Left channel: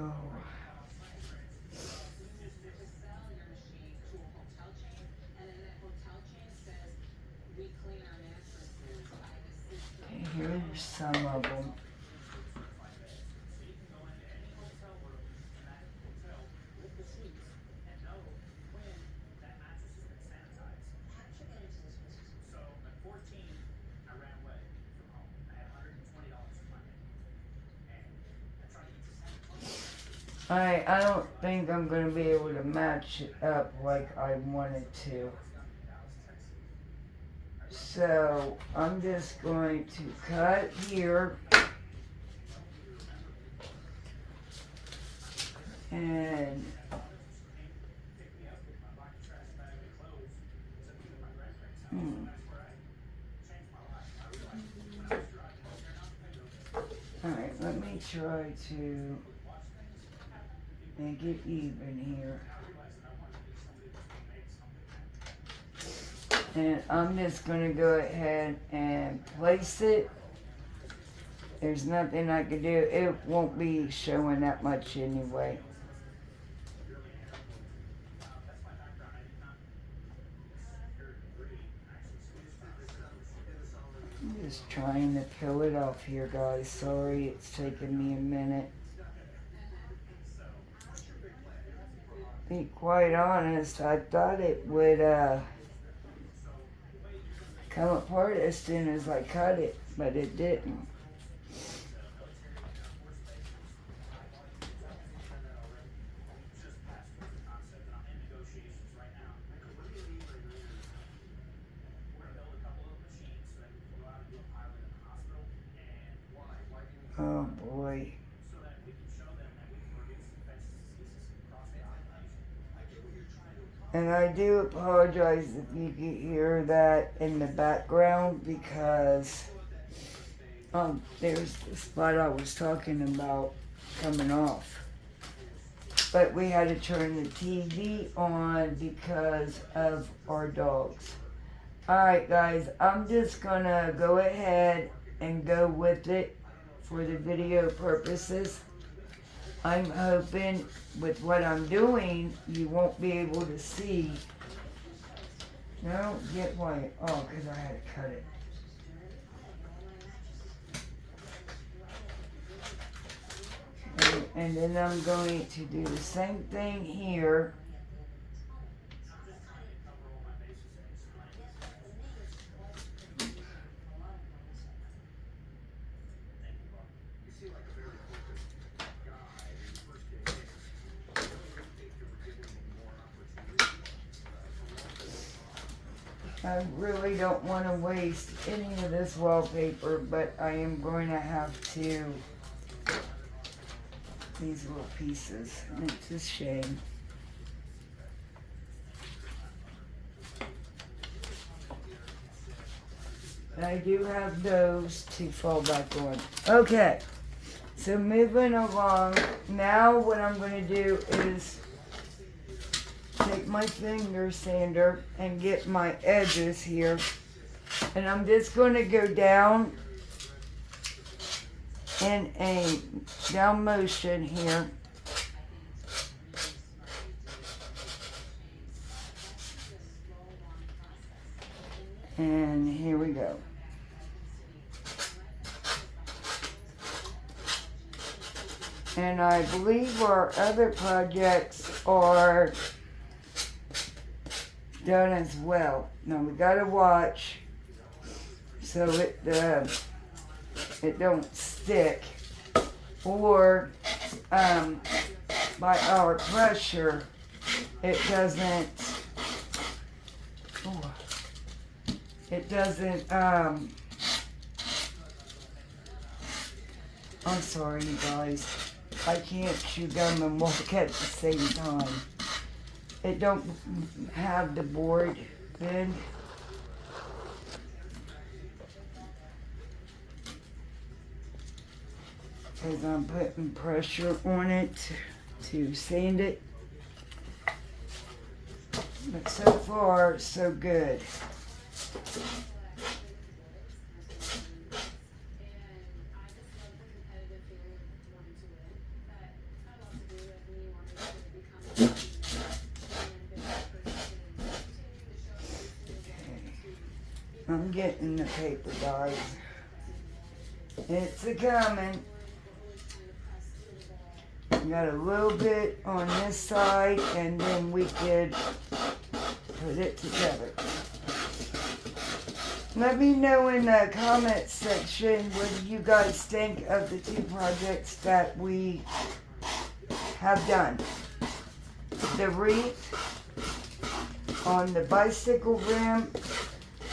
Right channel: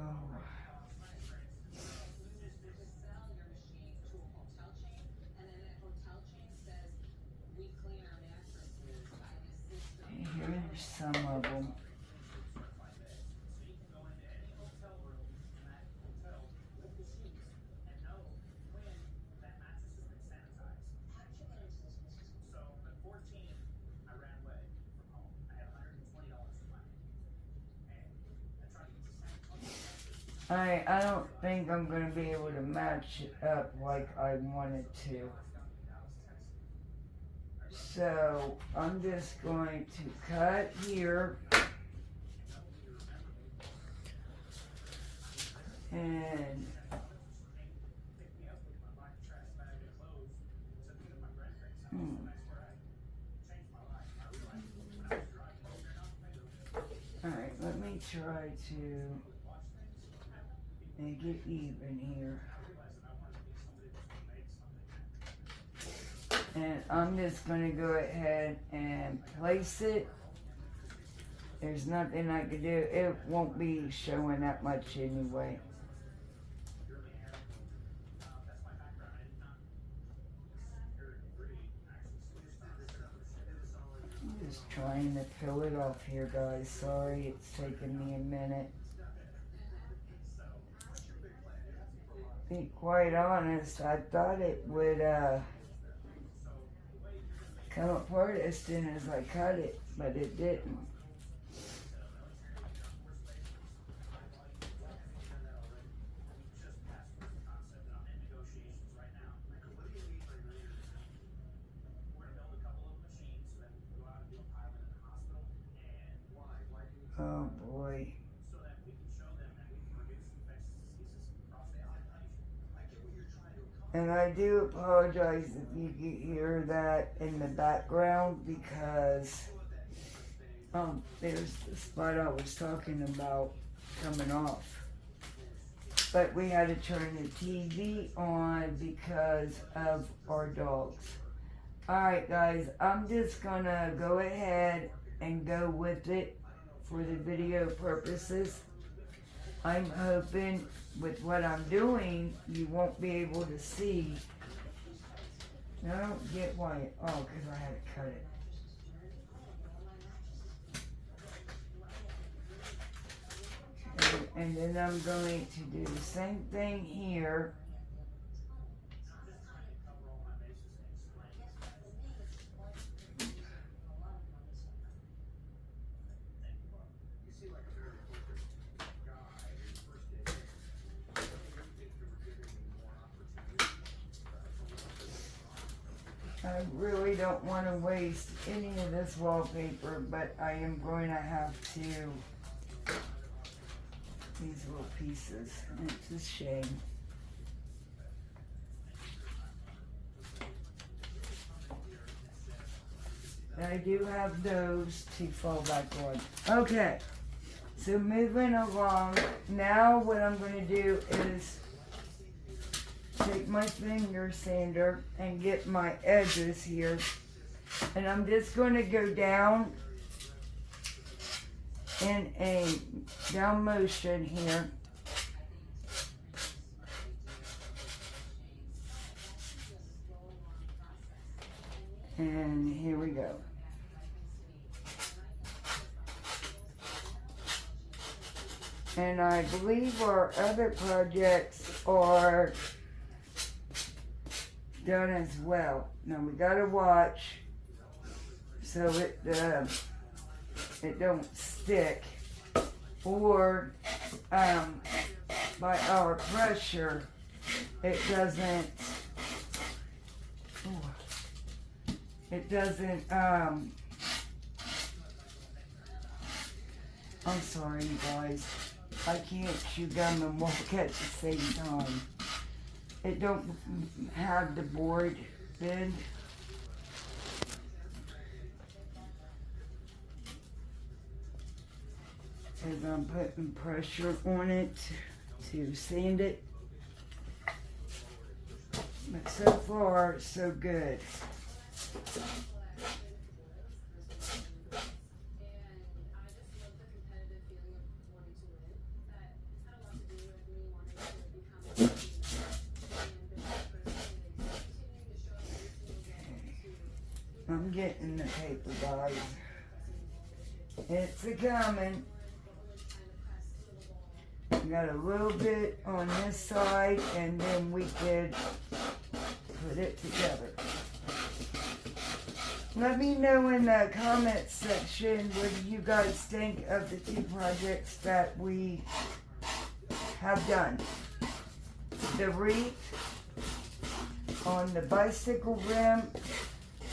Oh. Okay, here's some of them. I don't think I'm going to be able to match it up like I wanted to. So I'm just going to cut here. And alright, let me try to make it even here. And I'm just going to go ahead and place it. There's nothing I can do. It won't be showing that much anyway. I'm just trying to peel it off here, guys. Sorry, it's taking me a minute. To be quite honest, I thought it would come apart as soon as I cut it, but it didn't. Oh boy. And I do apologize if you can hear that in the background because there's the spot I was talking about coming off. But we had to turn the TV on because of our dogs. Alright guys, I'm just gonna go ahead and go with it for the video purposes. I'm hoping with what I'm doing, you won't be able to see. No, get white. Oh, because I had to cut it. And then I'm going to do the same thing here. I really don't want to waste any of this wallpaper, but I am going to have to. These little pieces, and it's a shame. I do have those to fall back on. Okay, so moving along, now what I'm going to do is take my finger sander and get my edges here, and I'm just going to go down in a down motion here. And here we go. And I believe our other projects are done as well. Now we gotta watch so it don't stick, or by our pressure it doesn't I'm sorry you guys, I can't chew gum and walk at the same time. It don't have the board bend. Because I'm putting pressure on it to sand it. But so far, so good. getting the paper, guys. It's a-coming. Got a little bit on this side, and then we could put it together. Let me know in the comment section what you guys think of the two projects that we have done. The wreath on the bicycle rim.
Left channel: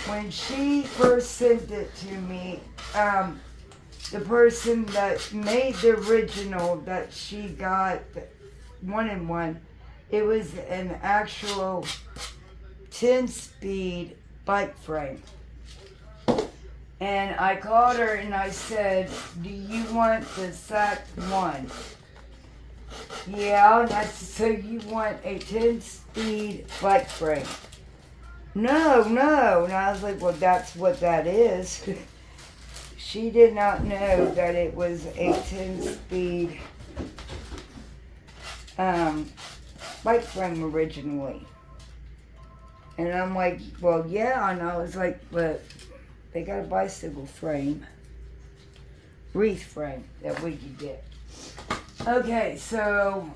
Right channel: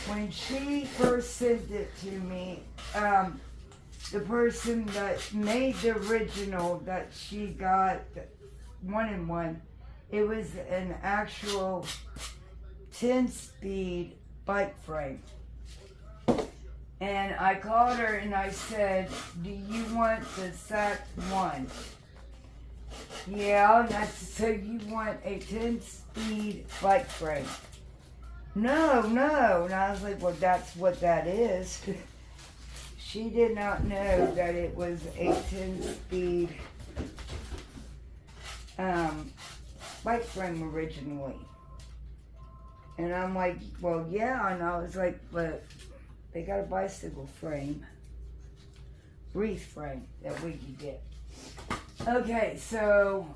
When she first sent it to me, the person that made the original that she got 1-in-1, it was an actual 10-speed bike frame. And I called her and I said, do you want the SAC 1? Yeah, and I said, so you want a 10-speed bike frame? No. And I was like, well, that's what that is. She did not know that it was a 10-speed bike frame originally. And I'm like, well, yeah. And I was like, but they got a bicycle frame, wreath frame that we could get. Okay, so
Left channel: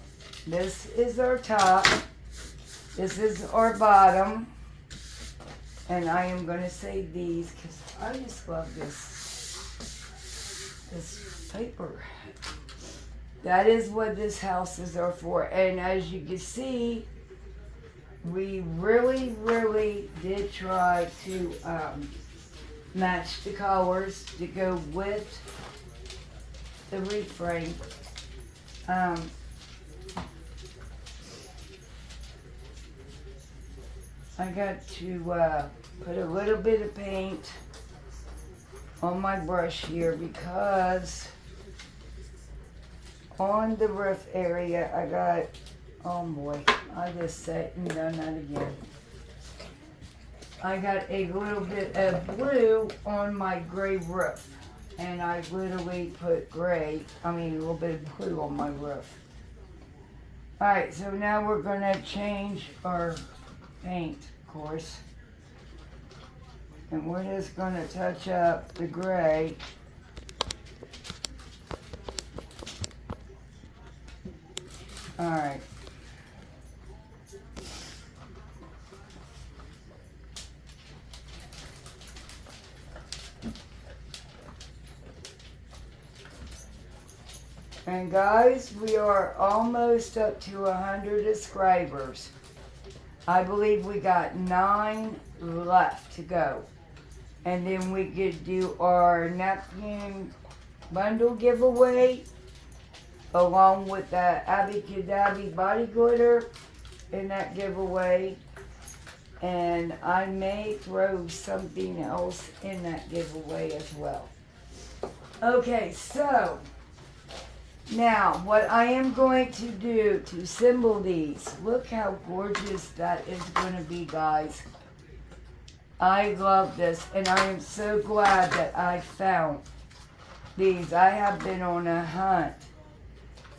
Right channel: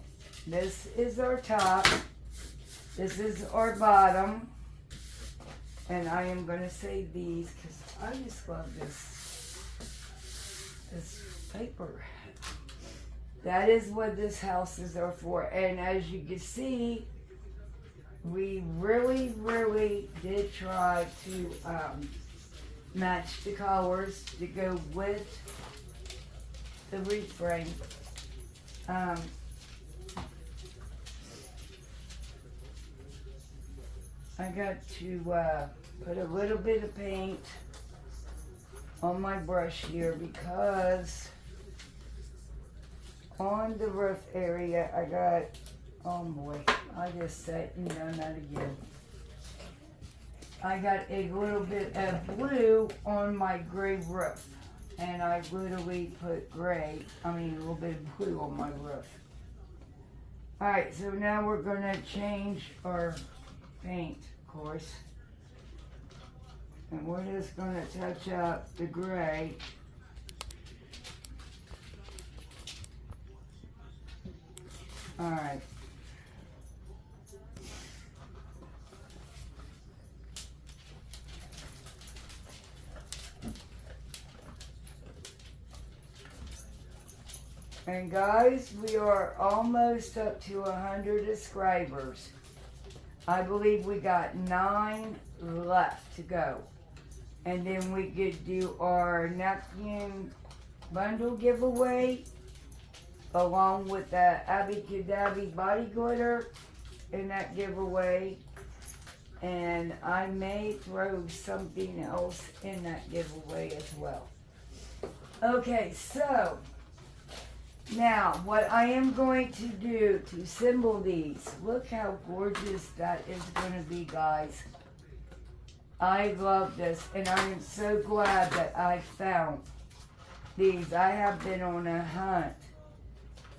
this is our top. This is our bottom. And I am going to save these because I just love this paper. That is what these houses are for. And as you can see, we really, really did try to match the colors to go with the wreath frame. I got to put a little bit of paint on my brush here because on the roof area I got, oh boy, I just sat and done that again. I got a little bit of blue on my gray roof, and I literally put a little bit of blue on my roof. Alright, so now we're going to change our paint, of course. And we're just going to touch up the gray. Alright. And guys, we are almost up to 100 subscribers. I believe we got 9 left to go. And then we could do our napkin bundle giveaway along with the Abby Cadabby body glitter in that giveaway. And I may throw something else in that giveaway as well. Okay, so now what I am going to do to assemble these, look how gorgeous that is going to be, guys. I love this, and I am so glad that I found these. I have been on a hunt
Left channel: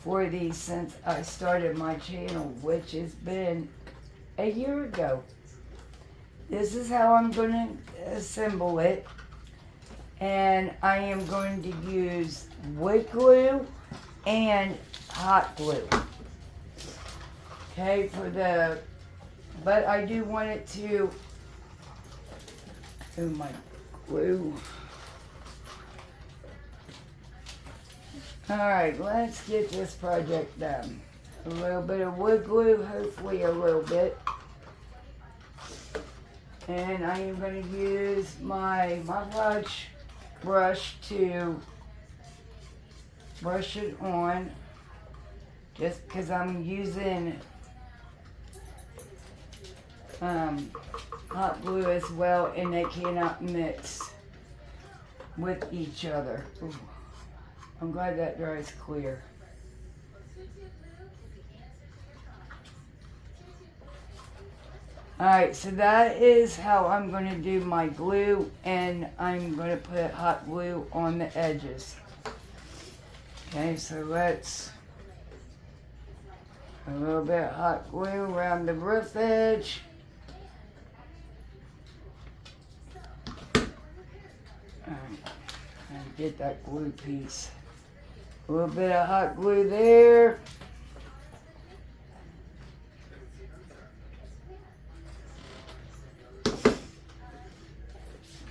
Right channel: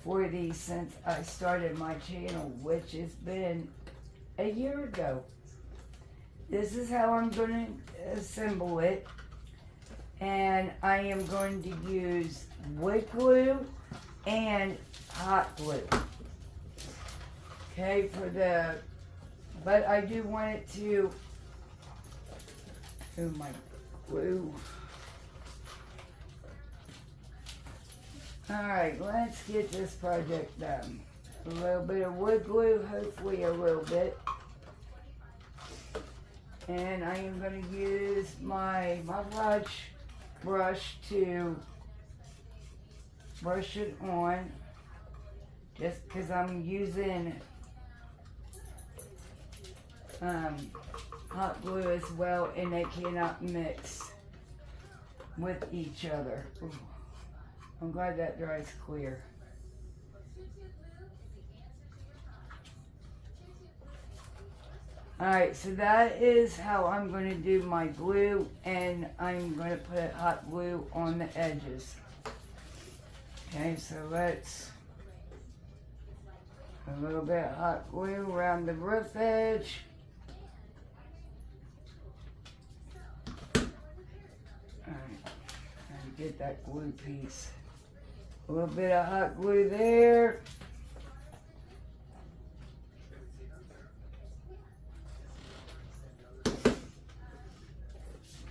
for these since I started my channel, which has been a year ago. This is how I'm going to assemble it, and I am going to use wood glue and hot glue. Okay, but I do want it to, my glue. Alright, let's get this project done. A little bit of wood glue, hopefully a little bit. And I am going to use my brush to brush it on, just because I'm using hot glue as well, and they cannot mix with each other. Ooh. I'm glad that dries clear. Alright, so that is how I'm going to do my glue, and I'm going to put hot glue on the edges. Okay, so let's a little bit of hot glue around the roof edge. get that glue piece. A little bit of hot glue there.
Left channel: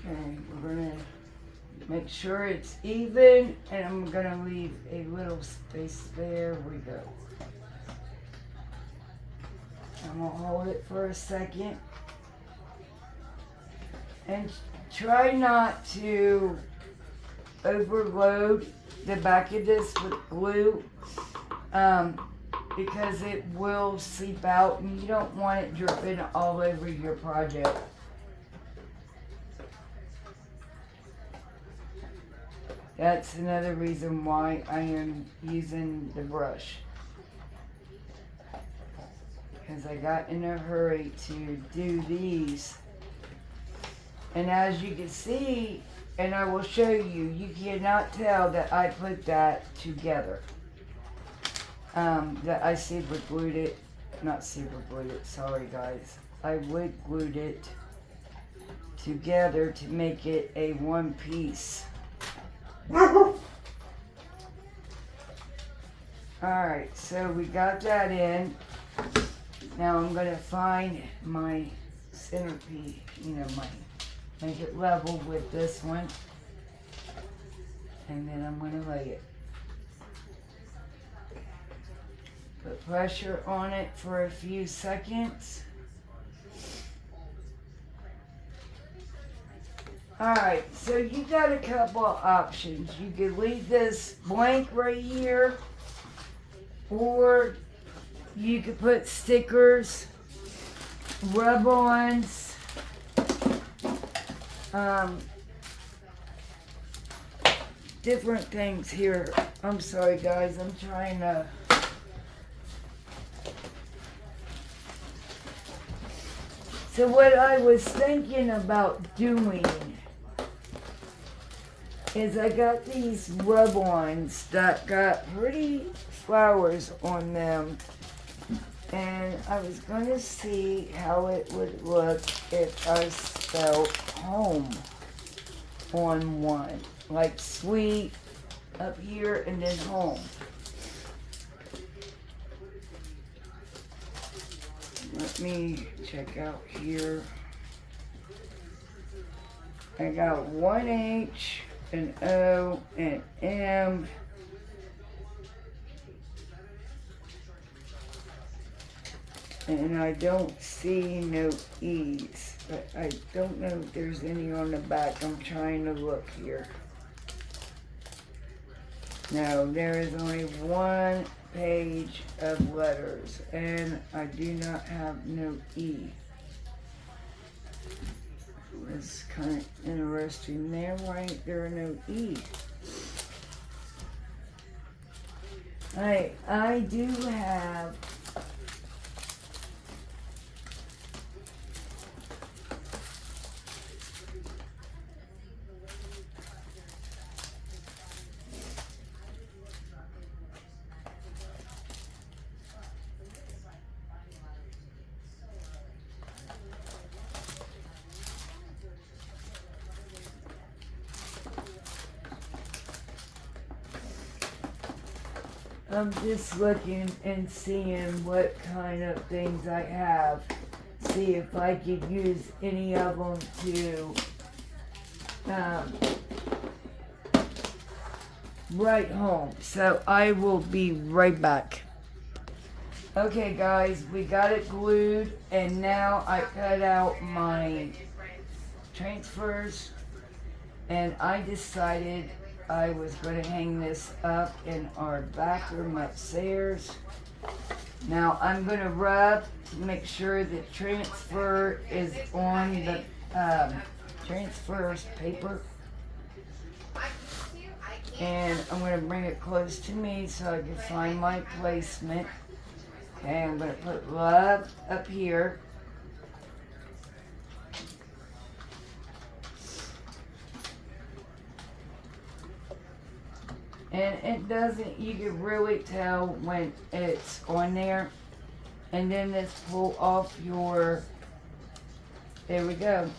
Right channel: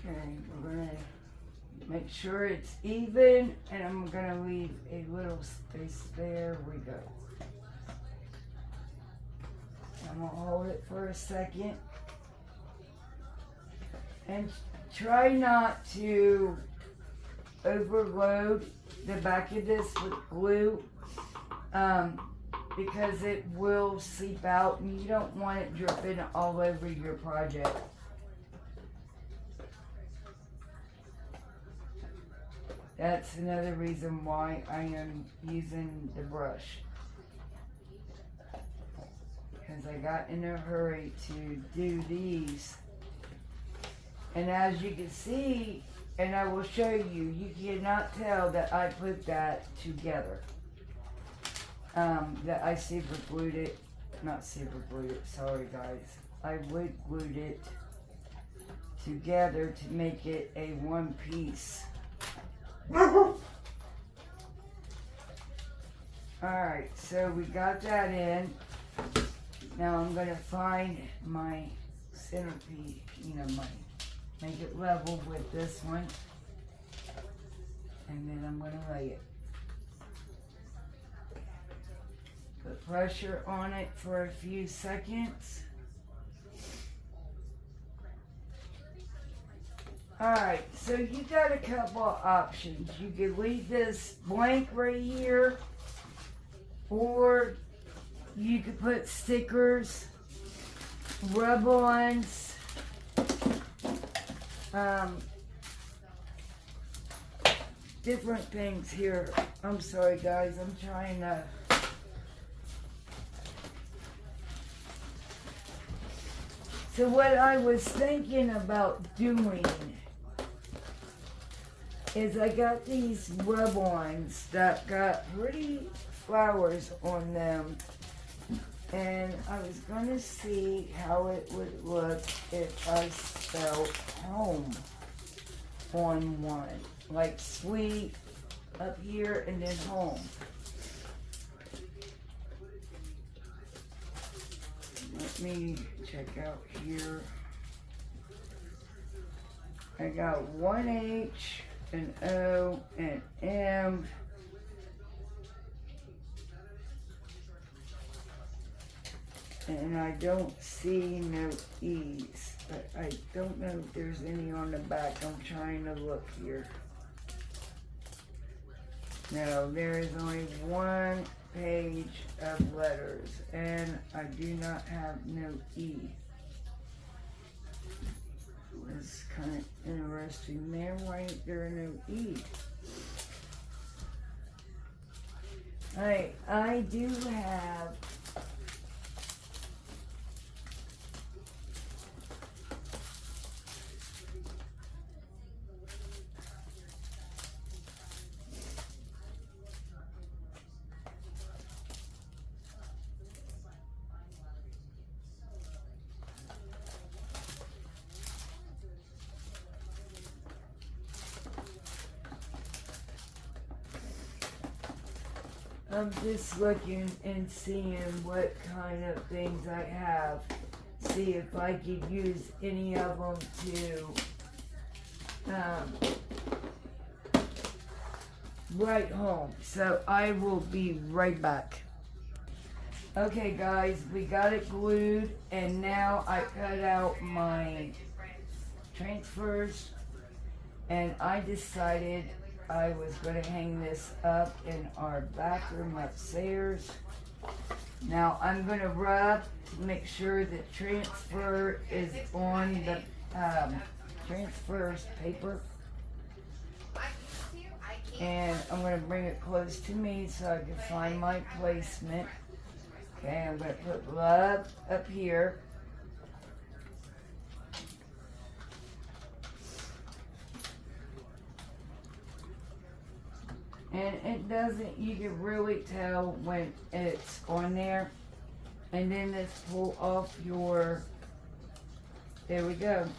Okay, we're gonna make sure it's even, and I'm gonna leave a little space there. We go. I'm gonna hold it for a second. And try not to overload the back of this with glue because it will seep out and you don't want it dripping all over your project. That's another reason why I am using the brush, because I got in a hurry to do these. And as you can see, and I will show you, you cannot tell that I put that together. That I super glued it, not super glued it, sorry guys. I wood glued it together to make it a one piece. Alright, so we got that in. Now I'm going to find my centerpiece, make it level with this one. And then I'm going to lay it. Put pressure on it for a few seconds. Alright, so you got a couple of options. You could leave this blank right here, or you could put stickers, rub-ons, different things here. I'm sorry guys, I'm trying to... So what I was thinking about doing is I got these rub-ons that got pretty flowers on them, and I was going to see how it would look if I spelled home on one, like sweet up here and then home. Let me check out here. I got one H, an O, an M, and I don't see no E's, but I don't know if there's any on the back. I'm trying to look here. No, there is only one page of letters, and I do not have no E. It's kind of interesting there. Why ain't there no E? Alright, I do have I'm just looking and seeing what kind of things I have. See if I could use any of them to write home. So I will be right back. Okay guys, we got it glued, and now I cut out my transfers, and I decided I was going to hang this up in our bathroom upstairs. Now I'm going to rub to make sure the transfer is on the transfers paper. And I'm going to bring it close to me so I can find my placement. Okay, I'm going to put love up here. And it doesn't, you can really tell when it's on there. And then just pull off your, there we go.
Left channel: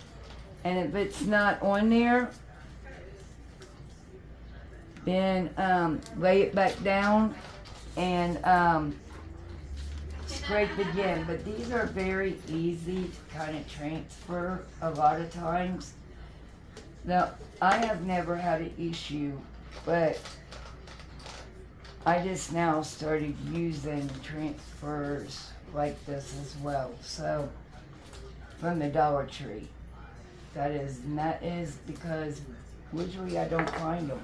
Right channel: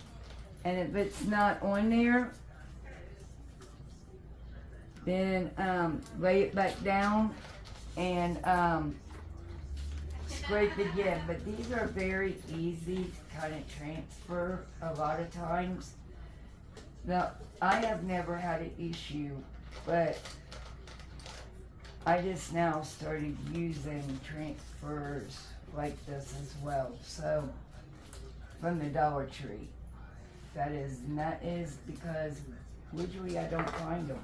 And if it's not on there, Then lay it back down and scrape again. But these are very easy to kind of transfer a lot of times. Now, I have never had an issue, but I just now started using transfers like this as well. So, from the Dollar Tree. That is because usually I don't find them.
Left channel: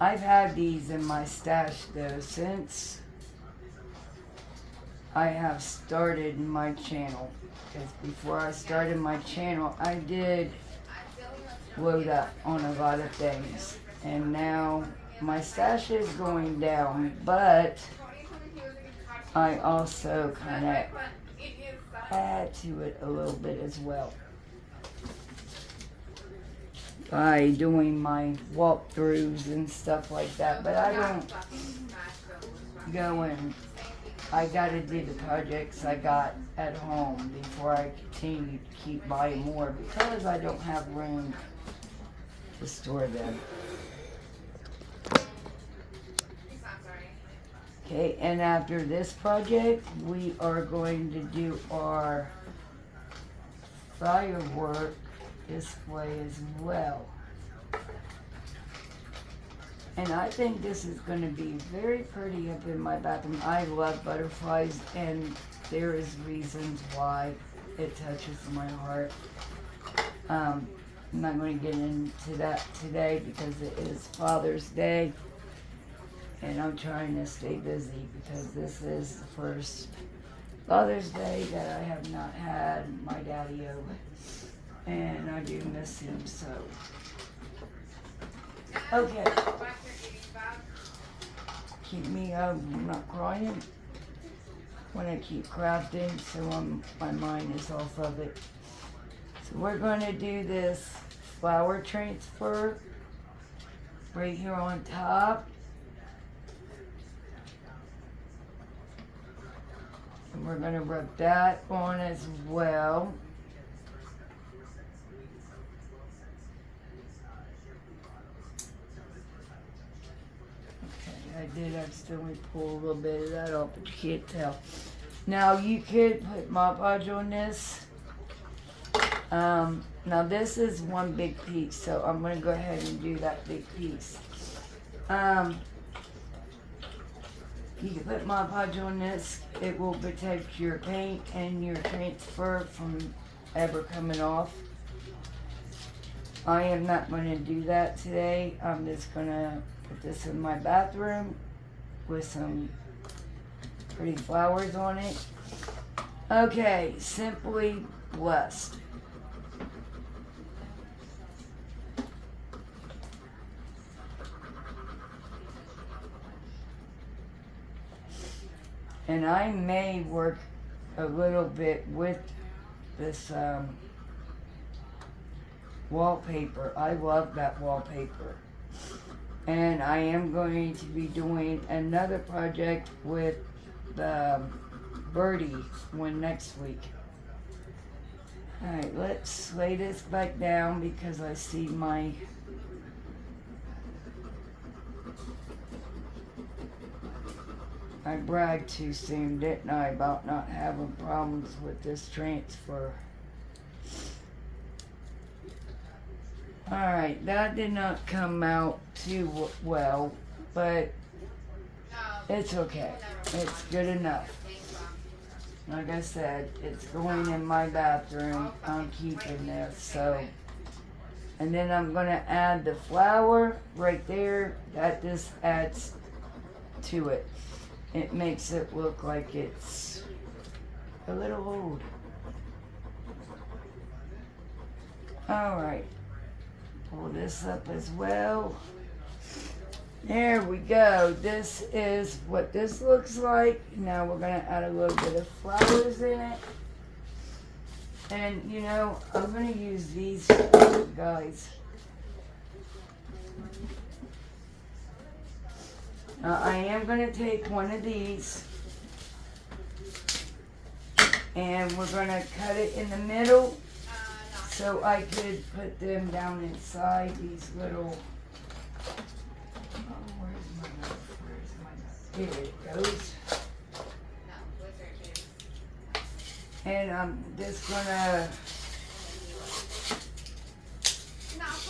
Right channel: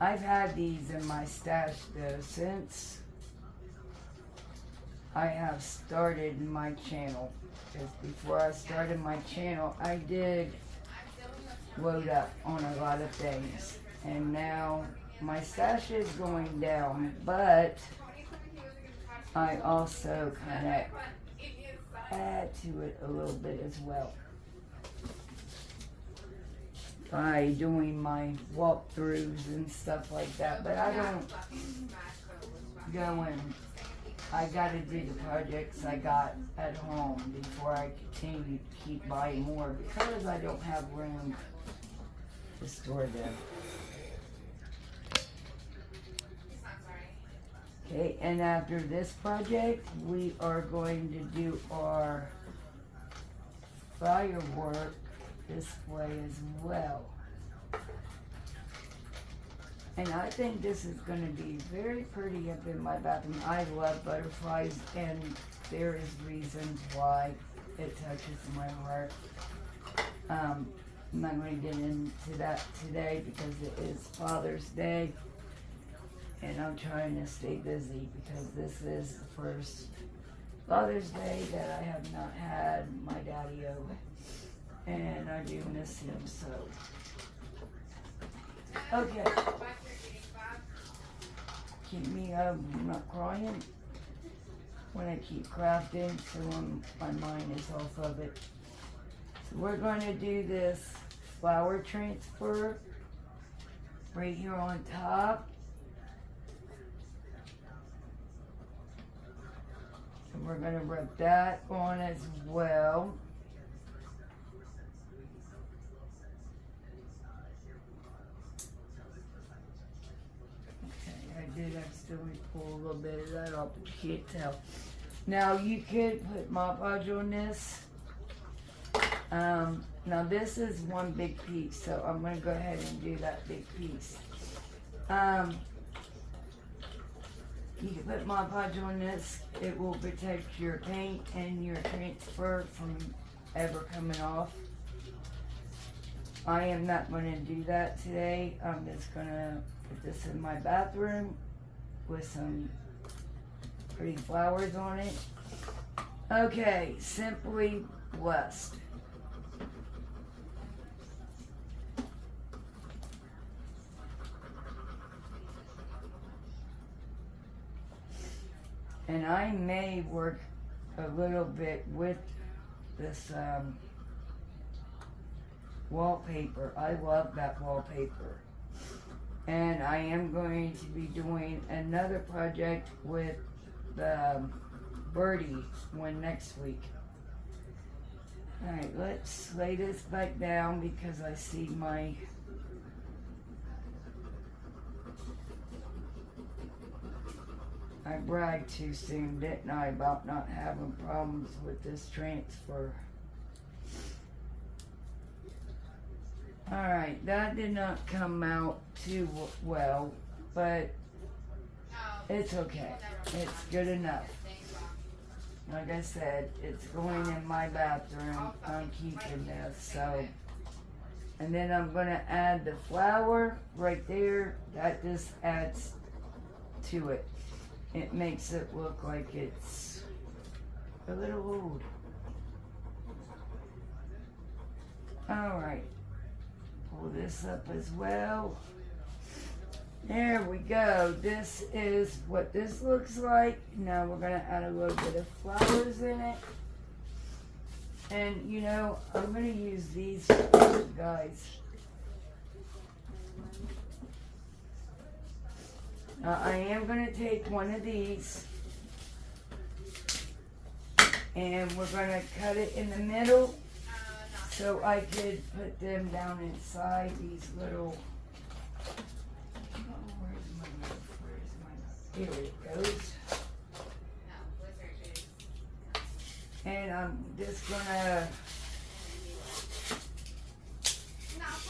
I've had these in my stash though since I have started my channel. Because before I started my channel, I did load up on a lot of things. And now my stash is going down, but I also kind of add to it a little bit as well by doing my walkthroughs and stuff like that. But I don't go and I gotta do the projects I got at home before I continue to keep buying more because I don't have room to store them. Okay, and after this project, we are going to do our firework display as well. And I think this is going to be very pretty up in my bathroom. I love butterflies, and there is reasons why it touches my heart. I'm not going to get into that today because it is Father's Day. And I'm trying to stay busy because this is the first Father's Day that I have not had my daddy over. And I do miss him so. Okay. Keep me not crying when I keep crafting, so my mind is off of it. So we're going to do this flower transfer right here on top. And we're going to rub that on as well. Okay, I did accidentally pull a little bit of that off, but you can't tell. Now you could put Mod Podge on this. Now this is one big piece, so I'm going to go ahead and do that big piece. You can put Mod Podge on this. It will protect your paint and your transfer from ever coming off. I am not going to do that today. I'm just going to put this in my bathroom with some pretty flowers on it. Okay, Simply Blessed. And I may work a little bit with this wallpaper. I love that wallpaper. And I am going to be doing another project with the birdie one next week. Alright, let's lay this back down because I see my I bragged too soon, didn't I, about not having problems with this transfer. Alright, that did not come out too well, but it's okay. It's good enough. Like I said, it's going in my bathroom. I'm keeping this, so. And then I'm going to add the flower right there. That just adds to it. It makes it look like it's a little old. Alright. Pull this up as well. There we go. This is what this looks like. Now we're going to add a little bit of flowers in it. And you know, I'm going to use these guys. Now I am going to take one of these and we're going to cut it in the middle so I could put them down inside these little Here it goes. And I'm just gonna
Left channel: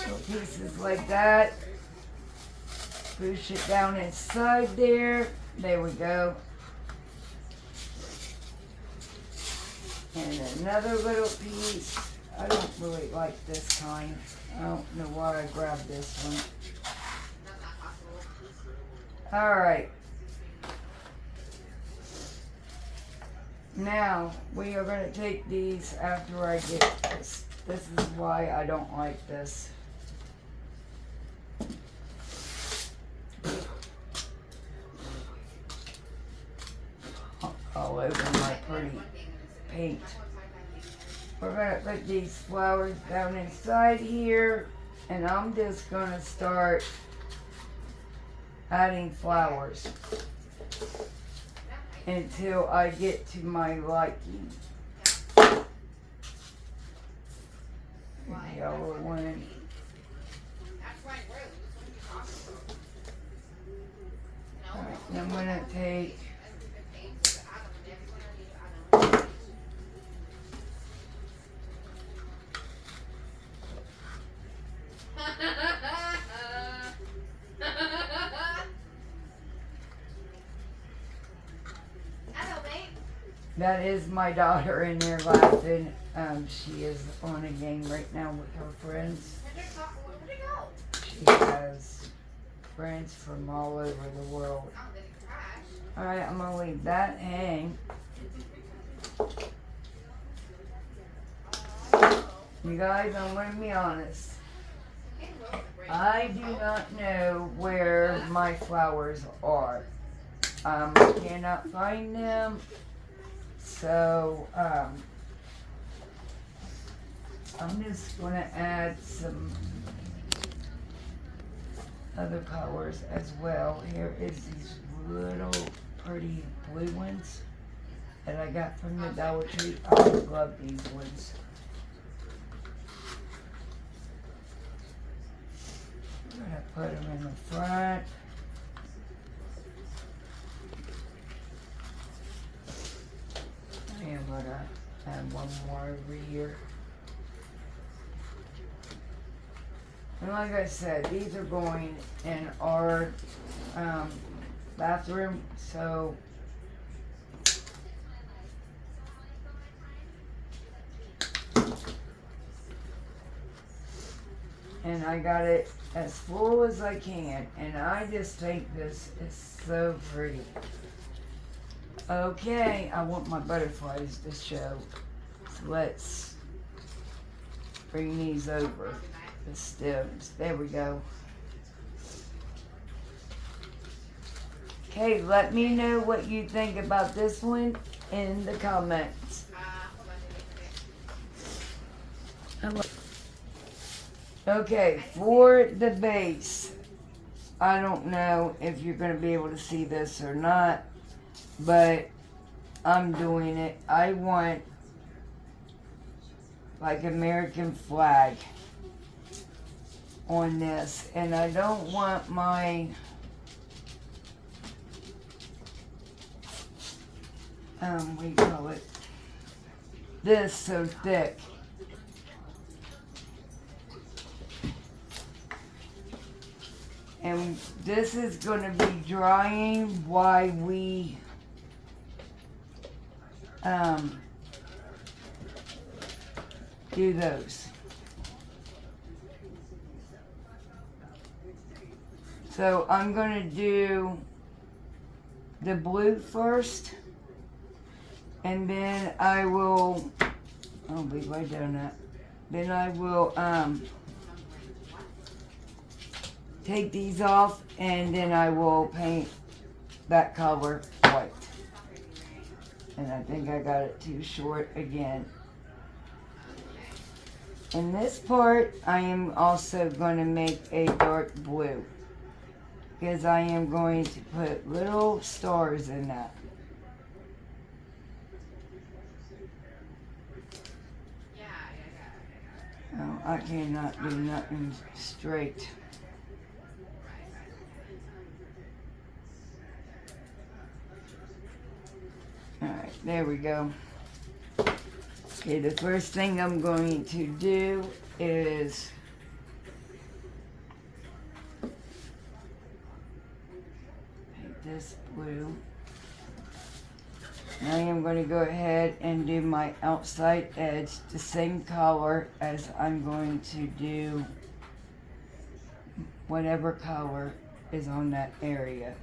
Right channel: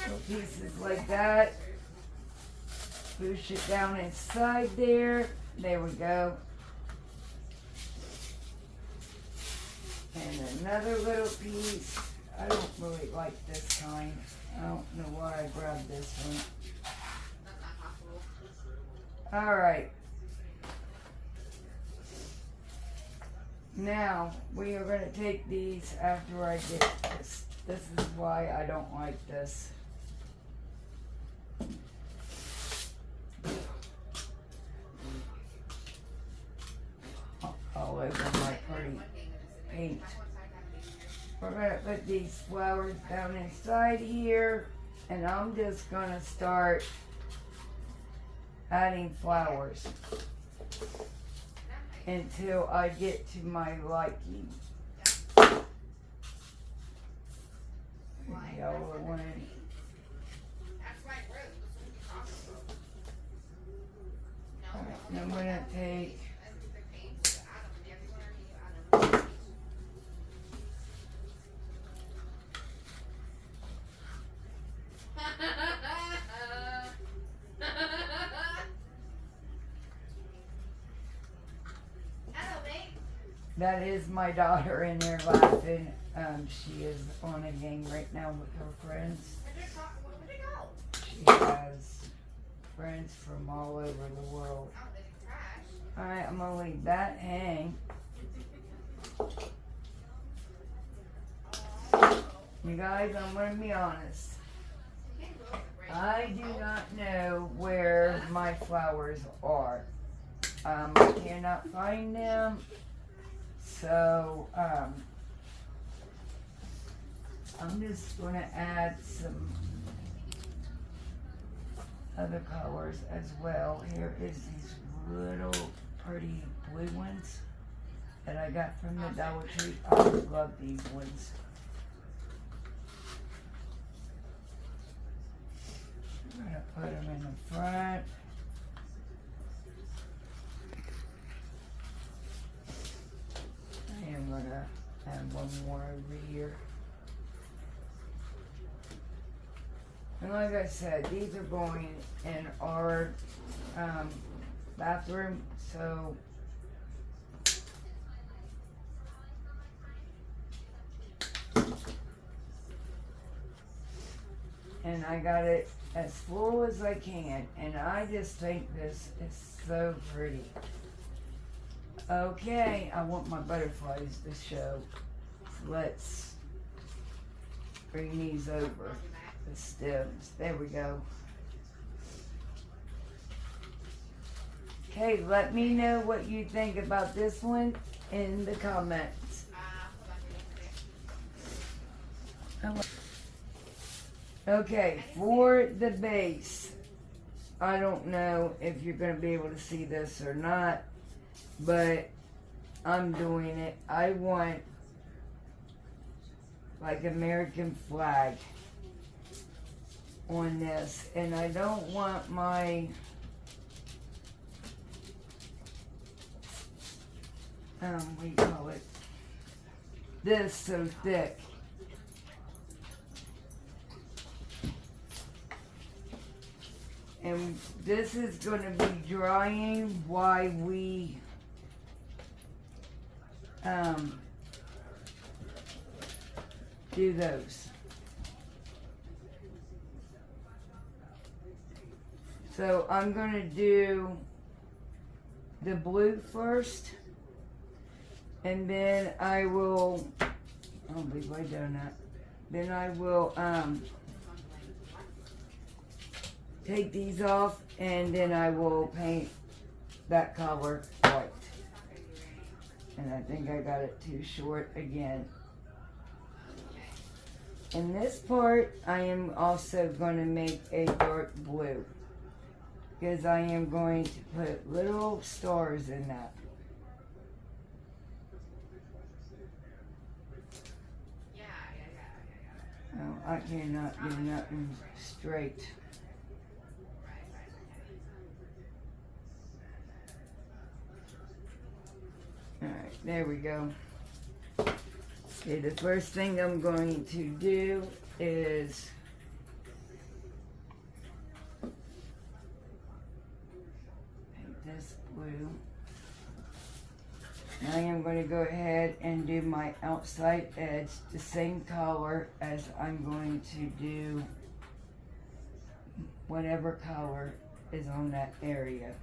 put pieces like that. Push it down inside there. There we go. And another little piece. I don't really like this kind. I don't know why I grabbed this one. Alright. Now, we are going to take these after I get this. This is why I don't like this. All over my pretty paint. We're going to put these flowers down inside here, and I'm just going to start adding flowers until I get to my liking. Yellow one. And I'm going to take that is my daughter in there laughing. She is on a game right now with her friends. She has friends from all over the world. Alright, I'm going to leave that hang. You guys, I'm going to be honest. I do not know where my flowers are. I cannot find them. So, I'm just going to add some other colors as well. Here is these little pretty blue ones that I got from the Dollar Tree. I love these ones. I'm going to put them in the front. And I'm going to add one more over here. And like I said, these are going in our bathroom, so and I got it as full as I can, and I just think this is so pretty. Okay, I want my butterflies to show, so let's bring these over. The stems. There we go. Okay, let me know what you think about this one in the comments. Okay, for the base, I don't know if you're going to be able to see this or not, but I'm doing it. I want like American flag on this, and I don't want my what do you call it, this so thick. And this is going to be drying while we do those. So I'm going to do the blue first, and then I will, I'll be way down that. Then I will take these off, and then I will paint that color white. And I think I got it too short again. In this part, I am also going to make a dark blue, because I am going to put little stars in that. Oh, I cannot do nothing straight. There we go. Okay, the first thing I'm going to do is paint this blue. Now I'm going to go ahead and do my outside edge the same color as I'm going to do whatever color is on that area.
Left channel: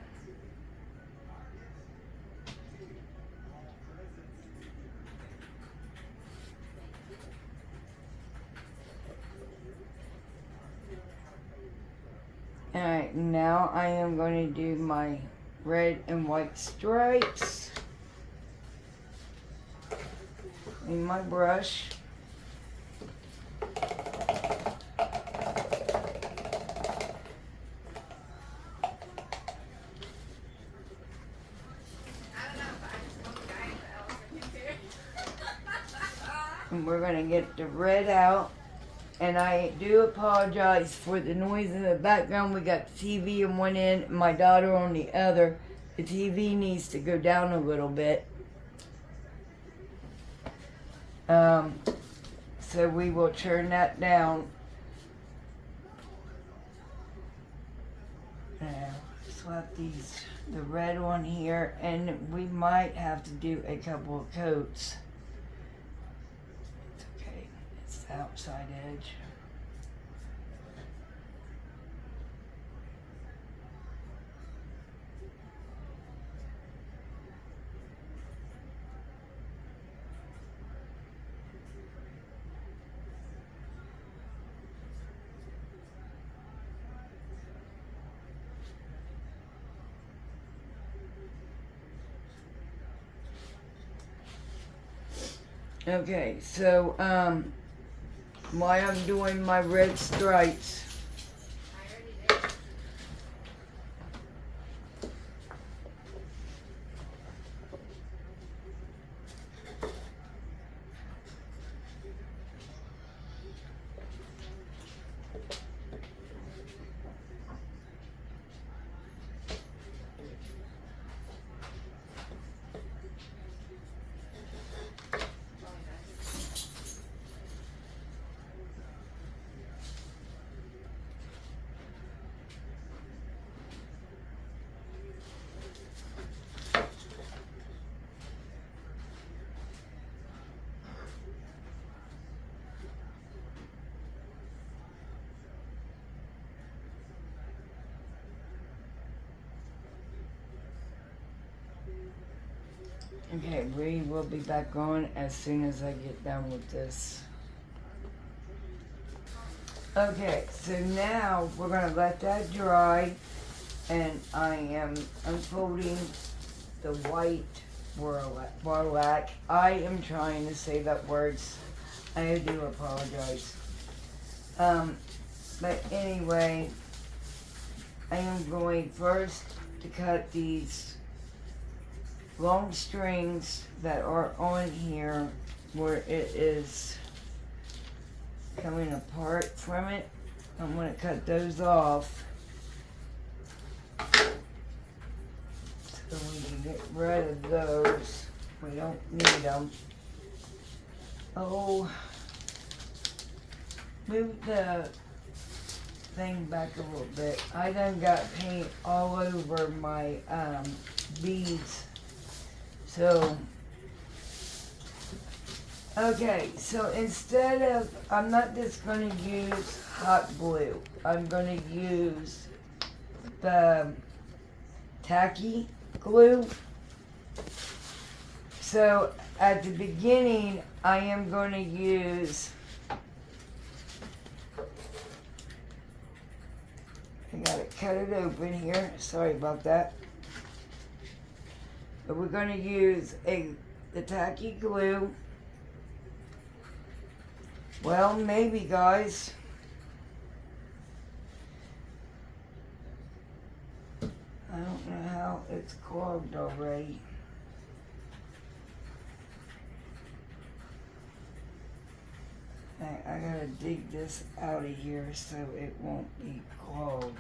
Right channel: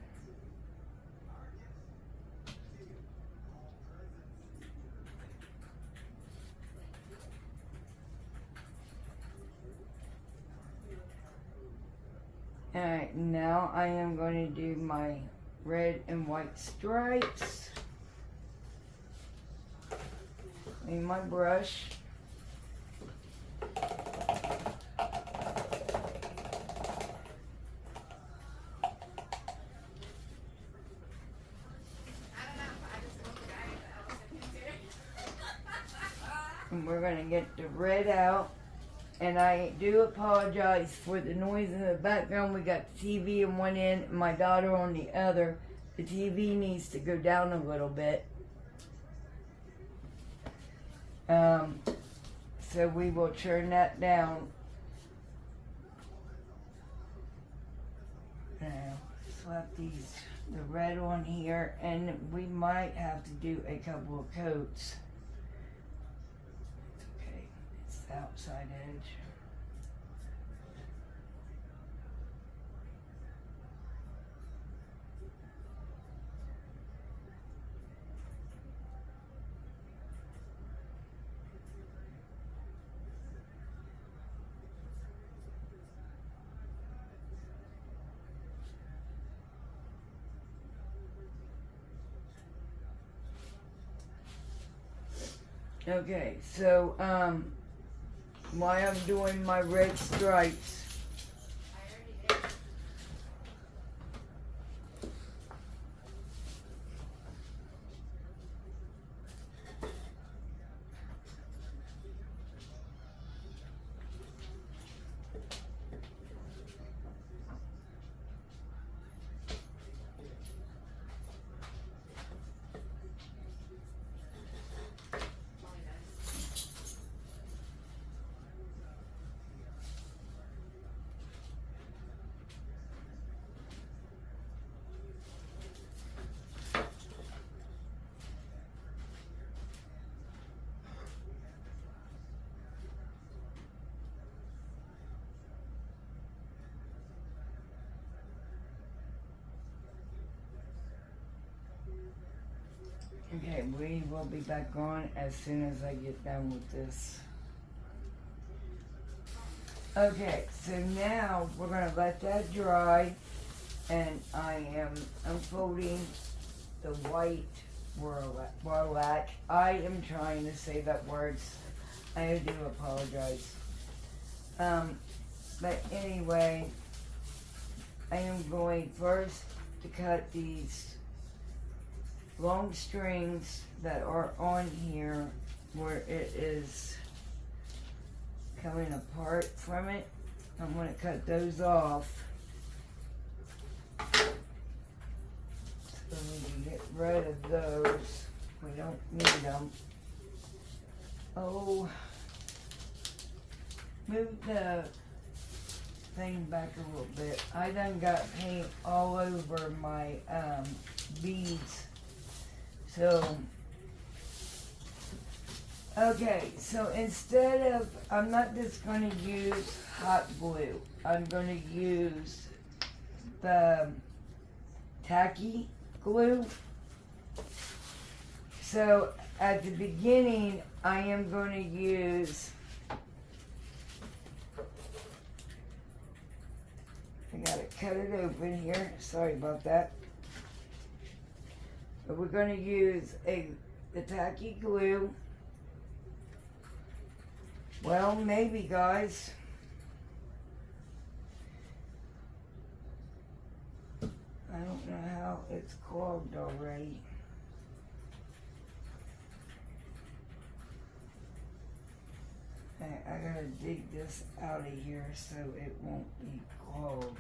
Alright, now I am going to do my red and white stripes in my brush. And we're going to get the red out. And I do apologize for the noise in the background. We got the TV on one end and my daughter on the other. The TV needs to go down a little bit. So we will turn that down. Slap the red on here, and we might have to do a couple of coats. It's okay, it's the outside edge. Okay, so while I'm doing my red stripes, okay, we will be back on as soon as I get done with this. Okay, so now we're going to let that dry, and I am unfolding the white warlac. I am trying to say that words. I do apologize. But anyway, I am going first to cut these long strings that are on here where it is coming apart from it. I'm going to cut those off so we can get rid of those. We don't need them. Oh, move the thing back a little bit. I done got paint all over my beads. So, okay, so instead of, I'm not just going to use hot glue. I'm going to use the tacky glue. So, at the beginning, I am going to use, I gotta cut it open here, sorry about that. But we're going to use the tacky glue. Well, maybe, guys. I don't know how it's clogged already. I gotta dig this out of here so it won't be clogged.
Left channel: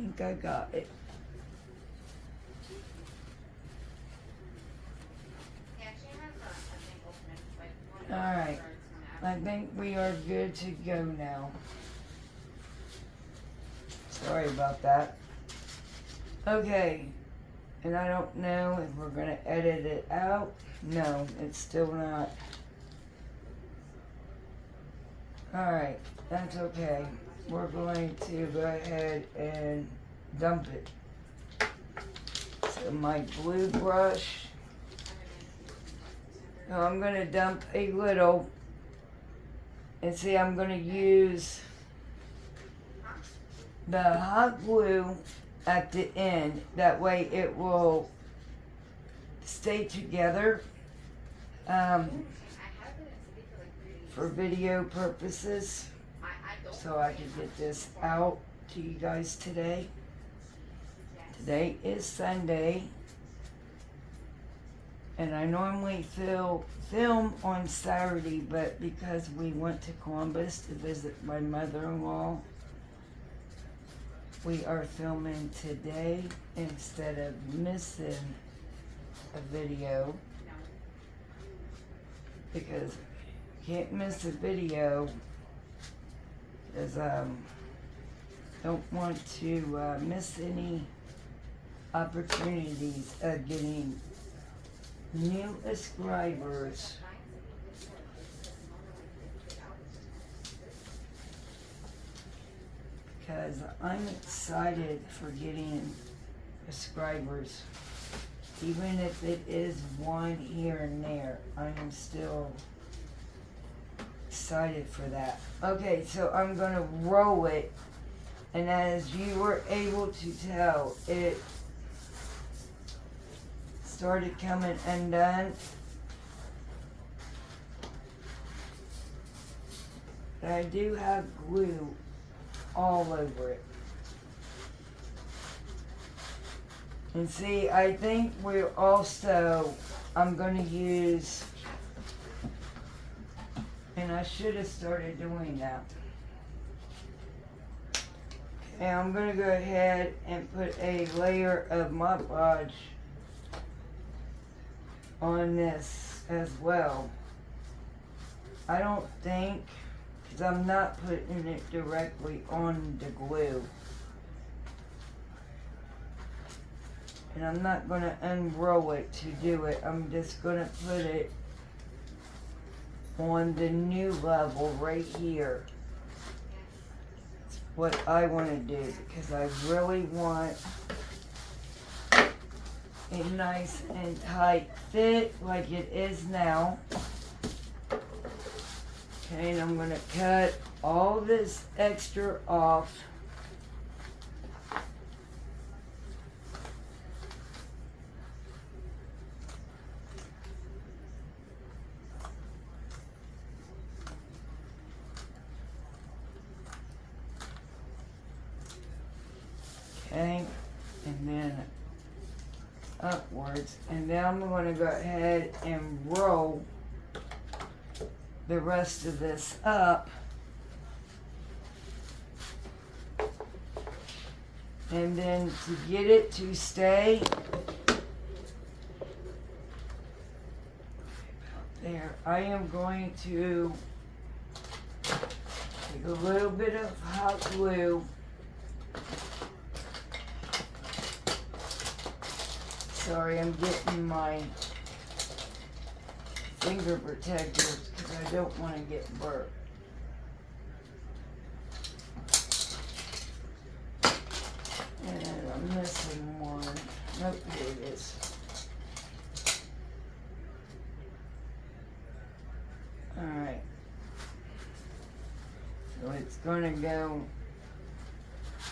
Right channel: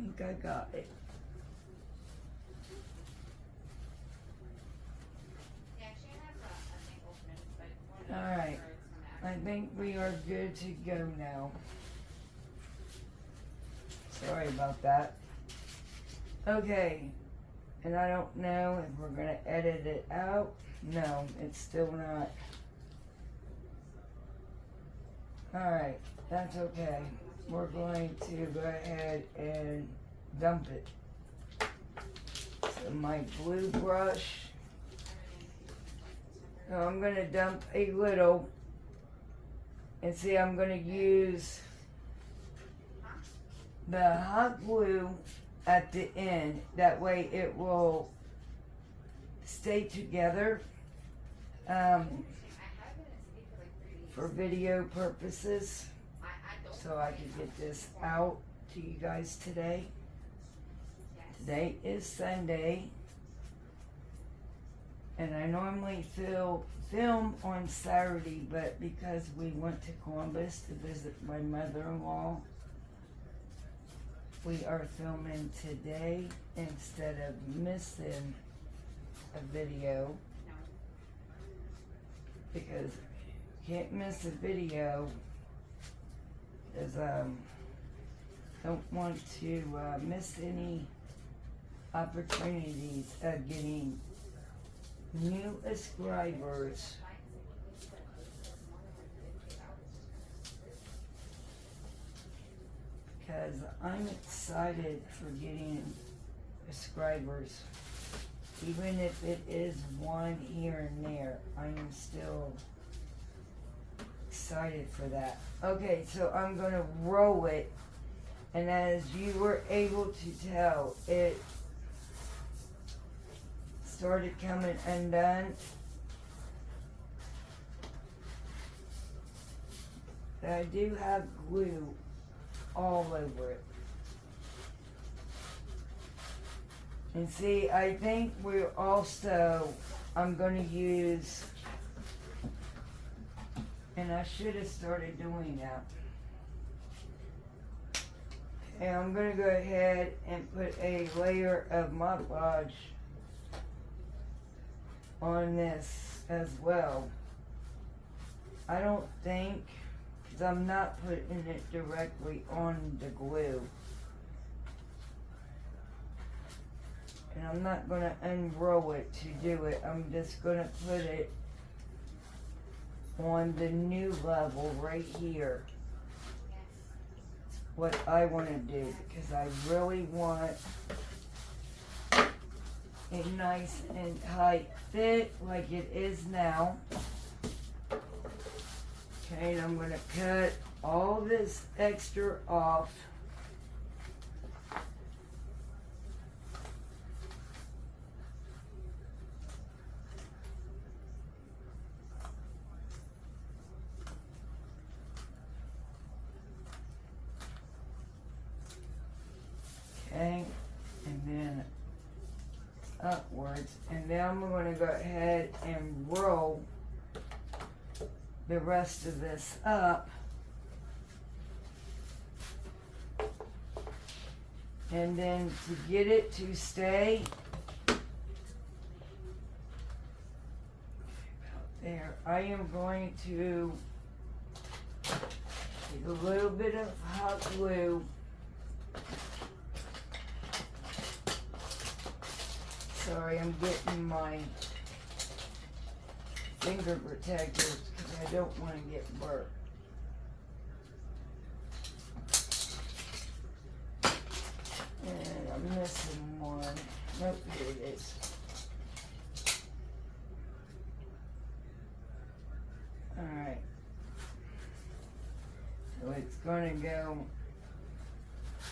think I got it. Alright, I think we are good to go now. Sorry about that. Okay, and I don't know if we're gonna edit it out. No, it's still not. Alright, that's okay. We're going to go ahead and dump it. So my glue brush. So I'm going to dump a little. And see, I'm going to use the hot glue at the end. That way it will stay together. For video purposes, so I can get this out to you guys today. Today is Sunday, and I normally film on Saturday, but because we went to Columbus to visit my mother-in-law, we are filming today instead of missing a video, because can't miss a video because don't want to miss any opportunities of getting new subscribers. Because I'm excited for getting subscribers. Even if it is one here and there, I'm still excited for that. Okay, so I'm gonna roll it, and as you were able to tell, it started coming undone. And I do have glue all over it. And see, I think we're also, I'm gonna use, and I should have started doing that. Okay, I'm going to go ahead and put a layer of Mod Podge on this as well. I don't think, because I'm not putting it directly on the glue. And I'm not going to unroll it to do it. I'm just going to put it on the new level right here. That's what I want to do, because I really want a nice and tight fit like it is now. Okay, and I'm going to cut all this extra off. Okay, and then upwards, and then I'm going to go ahead and roll the rest of this up, and then to get it to stay there, I am going to take a little bit of hot glue. Sorry, I'm getting my finger protectors because I don't want to get burnt. And I'm missing one. Nope, here it is. Alright. So it's going to go,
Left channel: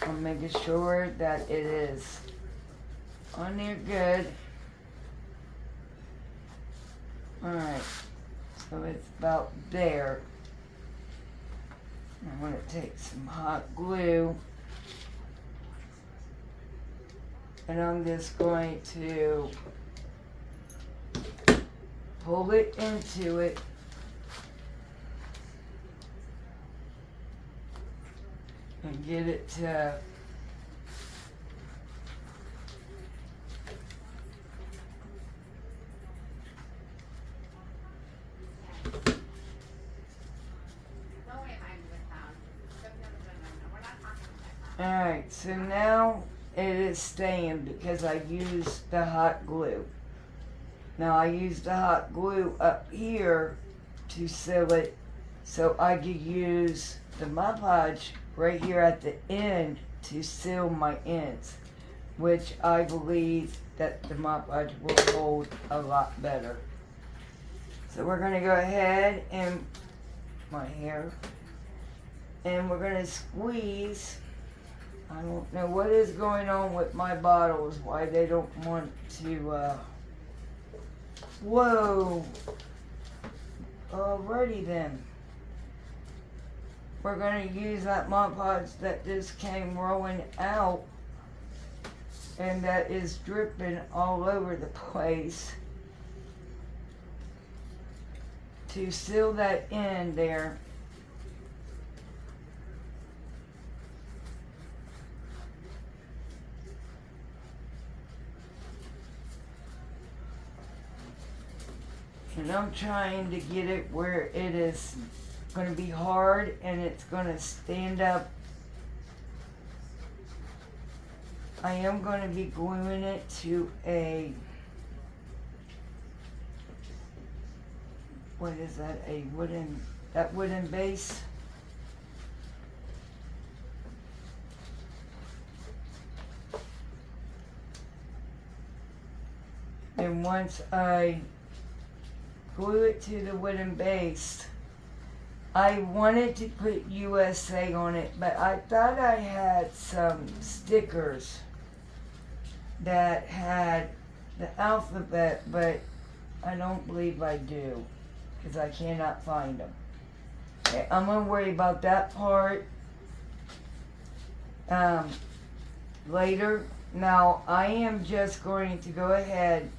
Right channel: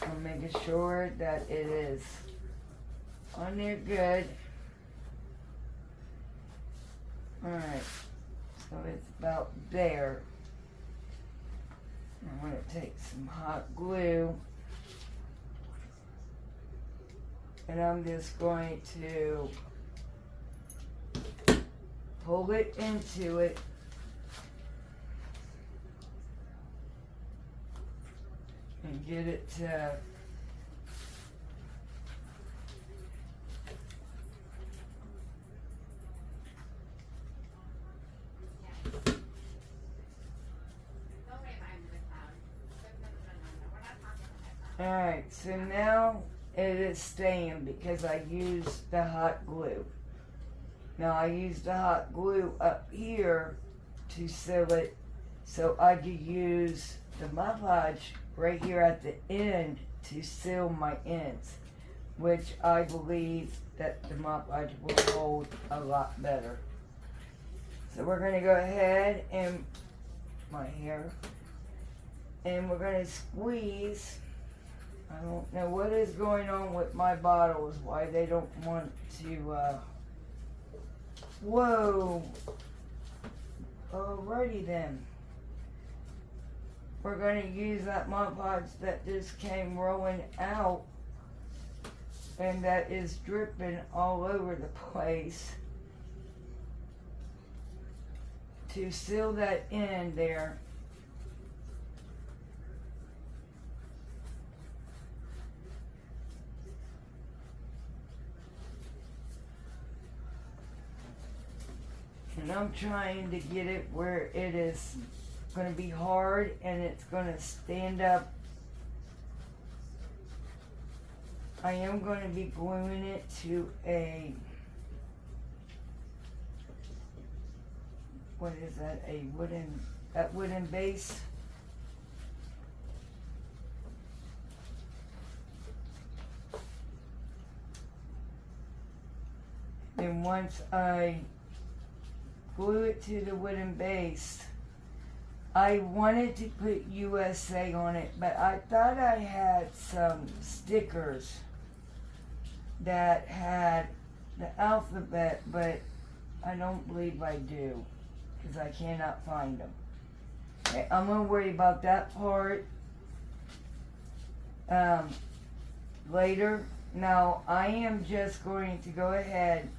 I'm making sure that it is on there good. Alright, so it's about there. I'm going to take some hot glue, and I'm just going to pull it into it. And get it to Alright, so now it is staying because I used the hot glue. Now I used the hot glue up here to seal it so I could use the Mod Podge right here at the end to seal my ends, which I believe that the Mod Podge will hold a lot better. So we're going to go ahead and my hair, and we're going to squeeze. I don't know what is going on with my bottles, why they don't want to, whoa. Alrighty then. We're going to use that Mod Podge that just came rolling out and that is dripping all over the place to seal that in there. And I'm trying to get it where it is going to be hard and it's going to stand up. I am going to be gluing it to a, what is that, a wooden base. And once I glue it to the wooden base, I wanted to put USA on it, but I thought I had some stickers that had the alphabet, but I don't believe I do, because I cannot find them. Okay, I'm going to worry about that part later. Now, I am just going to go ahead,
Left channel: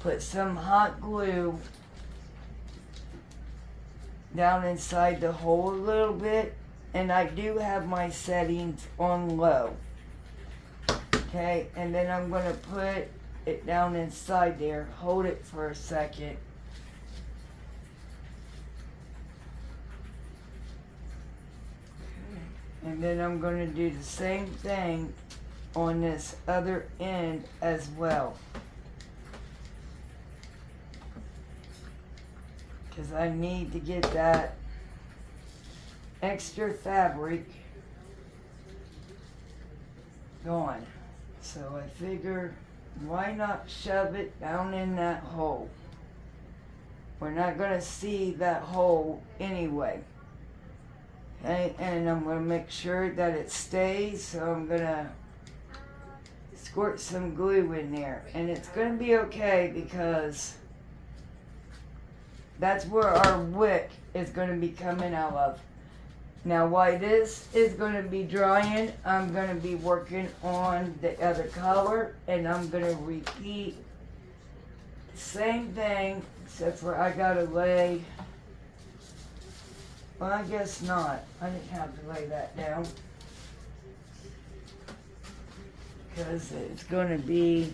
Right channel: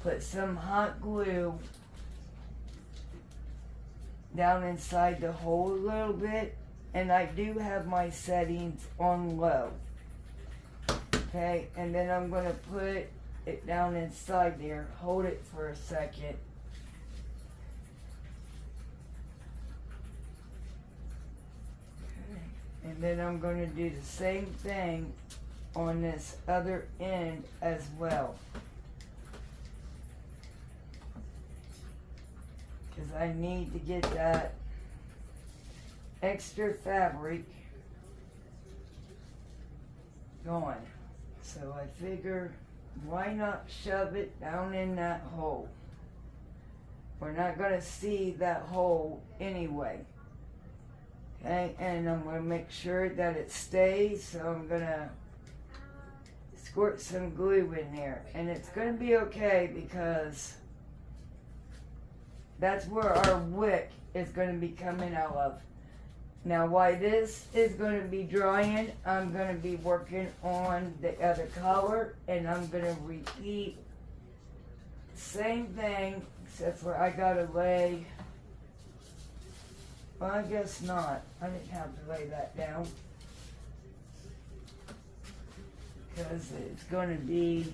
put some hot glue down inside the hole a little bit, and I do have my settings on low. Okay, and then I'm going to put it down inside there, hold it for a second. And then I'm going to do the same thing on this other end as well. Because I need to get that extra fabric going. So I figure, why not shove it down in that hole? We're not going to see that hole anyway. Okay, and I'm going to make sure that it stays, so I'm going to squirt some glue in there. And it's going to be okay because that's where our wick is going to be coming out of. Now, while this is going to be drying, I'm going to be working on the other color, and I'm going to repeat the same thing, except for I got to lay, well, I guess not. I didn't have to lay that down, because it's going to be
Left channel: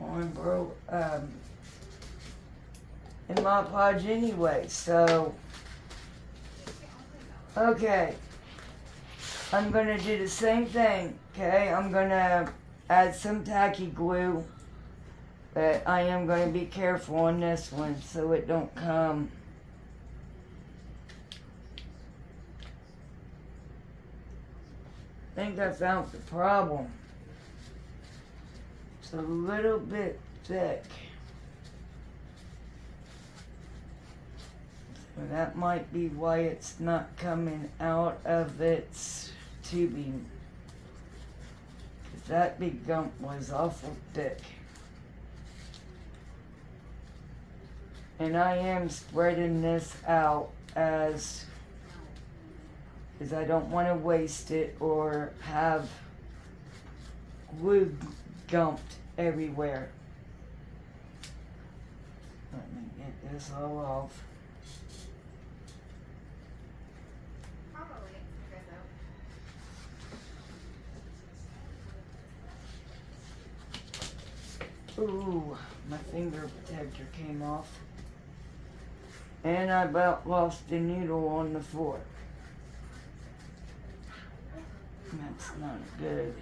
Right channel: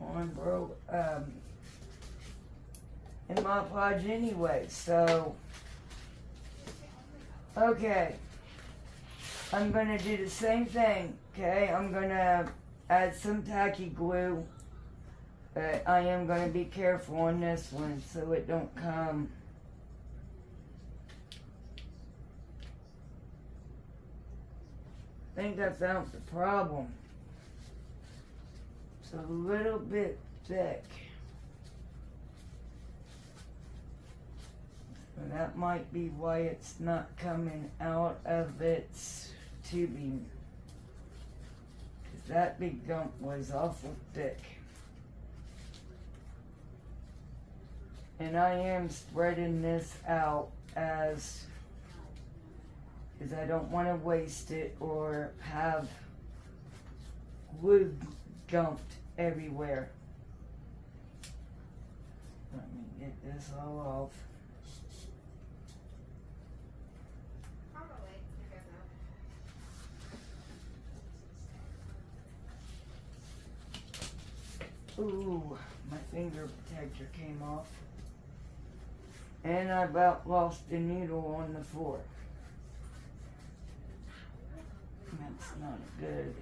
on in Mod Podge anyway, so okay, I'm gonna do the same thing. Okay, I'm gonna add some tacky glue, but I am gonna be careful on this one so it don't come I think I found the problem. It's a little bit thick. And that might be why it's not coming out of its tubing. 'Cause that big gump was awful thick. And I am spreading this out because I don't want to waste it or have glue gumped everywhere. Let me get this all off. Ooh, my finger protector came off. And I about lost the noodle on the floor. That's not a good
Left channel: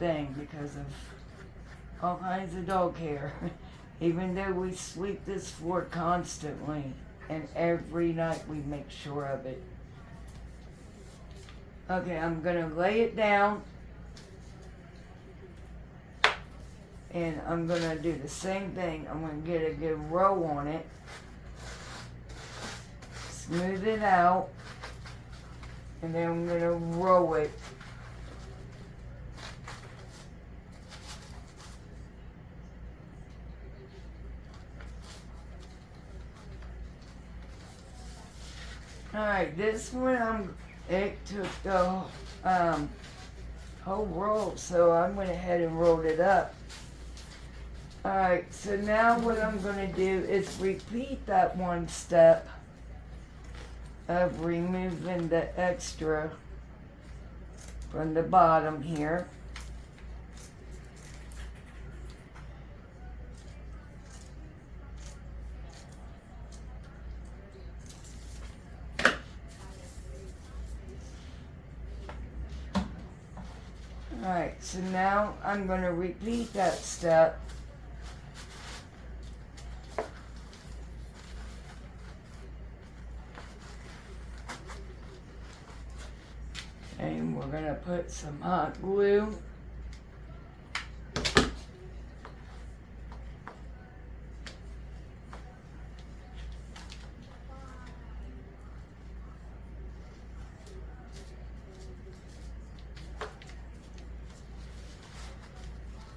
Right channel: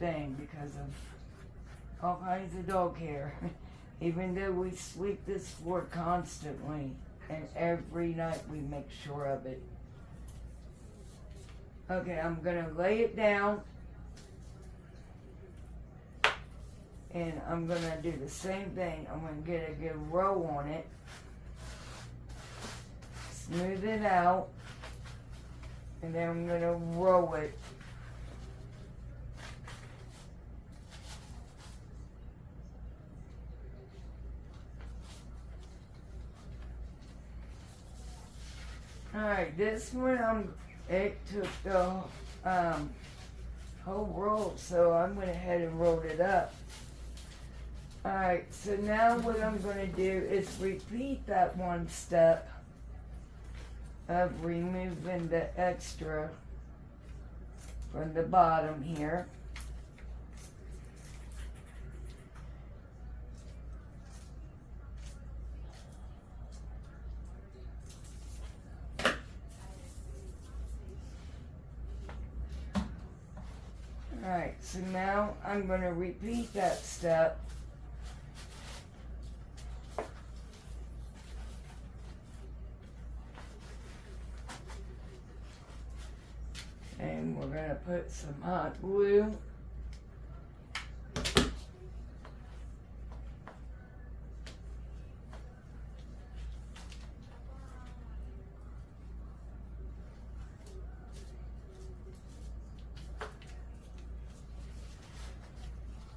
thing because of all kinds of dog hair. Even though we sweep this floor constantly, and every night we make sure of it. Okay, I'm gonna lay it down, and I'm gonna do the same thing. I'm gonna get a good row on it, smooth it out, and then I'm gonna roll it. Alright, this one it took the whole roll, so I went ahead and rolled it up. Alright, so now what I'm going to do is repeat that one step of removing the extra from the bottom here. Alright, so now I'm going to repeat that step. And we're going to put some hot glue.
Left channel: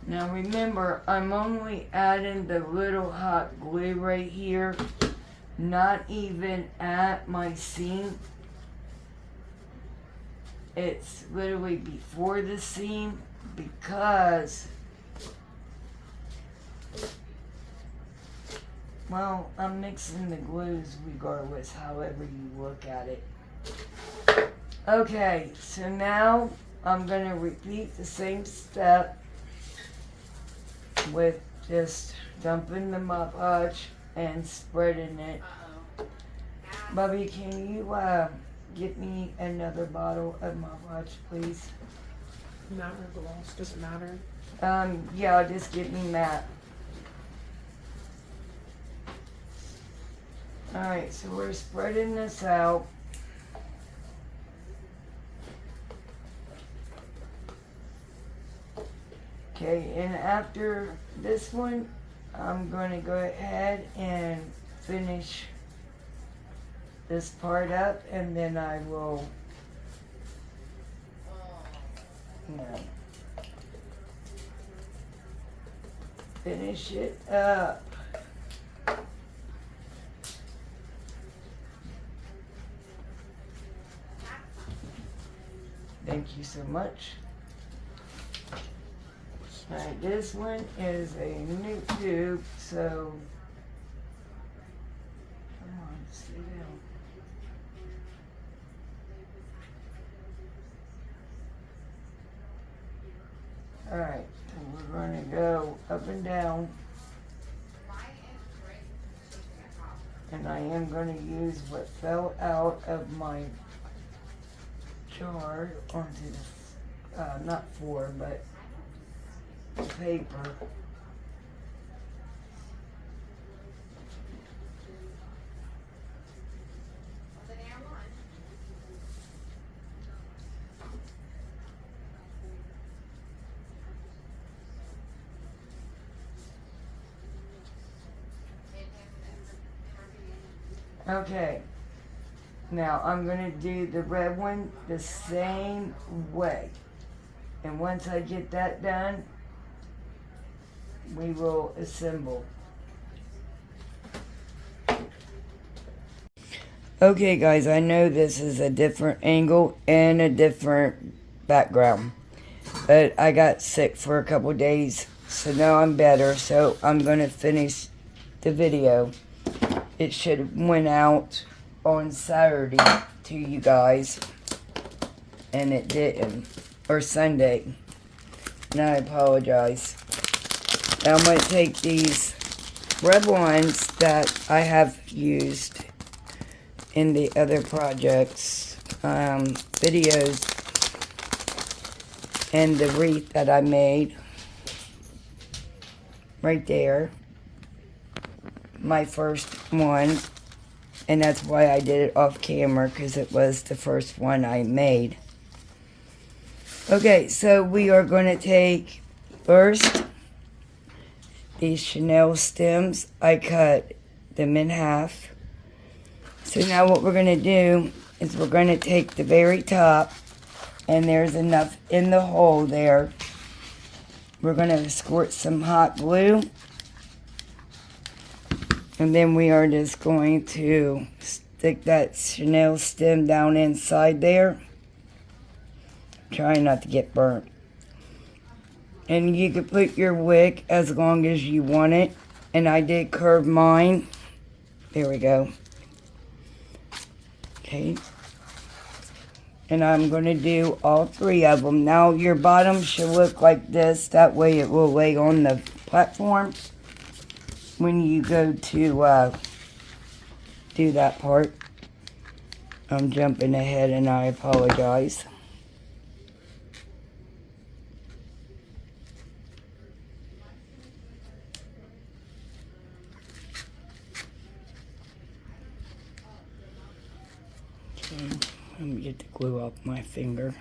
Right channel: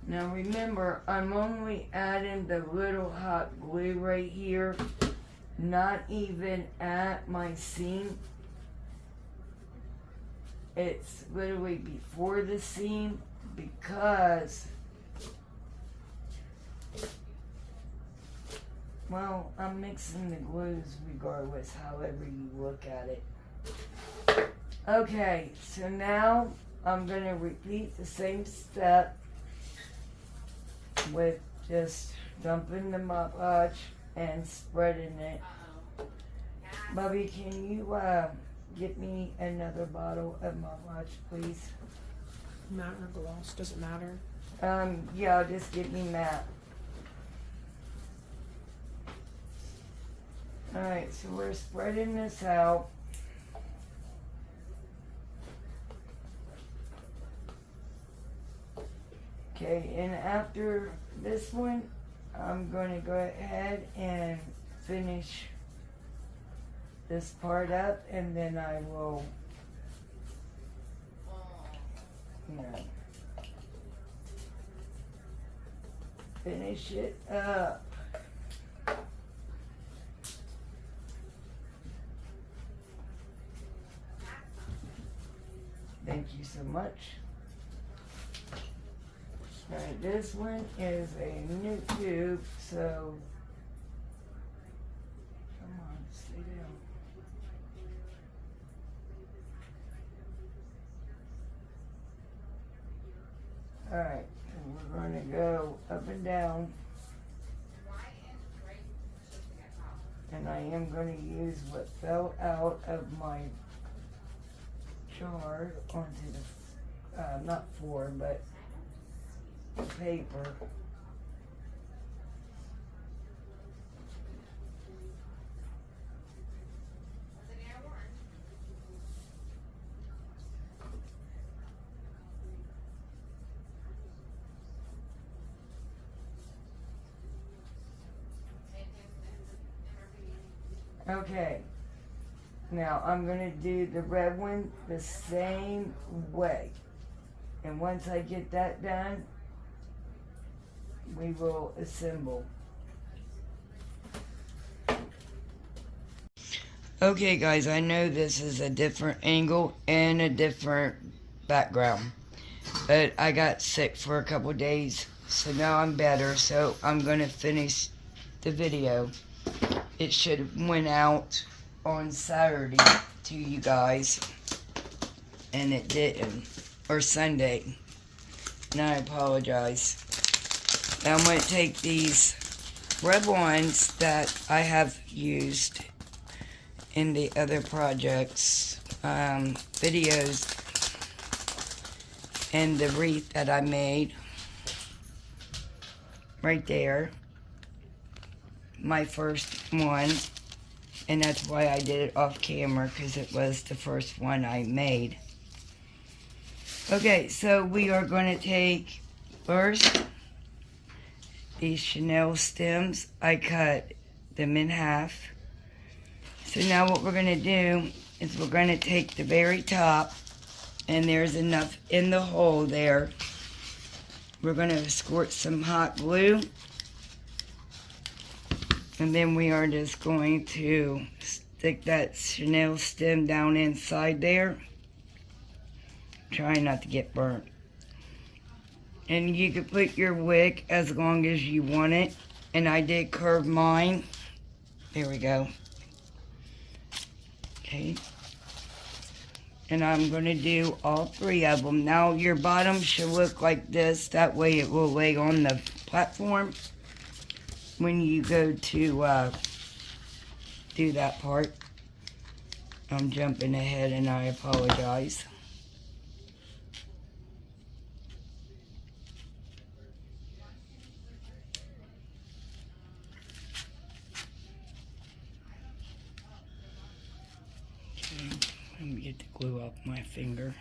Now remember, I'm only adding the little hot glue right here, not even at my seam. It's literally before the seam because, well, I'm mixing the glues regardless, however you look at it. Okay, so now I'm going to repeat the same step with just dumping the Mod Podge and spreading it. Bubby, can you get me another bottle of Mod Podge, please? Matte or gloss, does it matter? Yeah, just get me matte. Alright, so we're spreading this out. Okay, and after this one, I'm going to go ahead and finish this part up, and then I will, finish it up. Thank you so much. Alright, this one is a new tube, so come on, stay down. Alright, and we're going to go up and down, and I am going to use what fell out of my jar onto the, not floor, but paper. Okay, now I'm going to do the red one the same way, and once I get that done, we will assemble. Okay guys, I know this is a different angle and a different background, but I got sick for a couple days, so now I'm better, so I'm going to finish the video. It should have went out on Saturday to you guys, and it didn't, or Sunday, and I apologize. Now I'm going to take these red ones that I have used in the other projects, videos, and the wreath that I made right there, my first one, and that's why I did it off camera, because it was the first one I made. Okay, so we are going to take first these Chanel stems. I cut them in half. So now what we're going to do is we're going to take the very top, and there's enough in the hole there. We're going to squirt some hot glue, and then we are just going to stick that Chanel stem down inside there. Trying not to get burnt. And you can put your wick as long as you want it. And I did curve mine. There we go. Okay. And I'm going to do all 3 of them. Now your bottom should look like this. That way it will lay on the platform when you go to do that part. I'm jumping ahead and I apologize. Let me get the glue off my finger.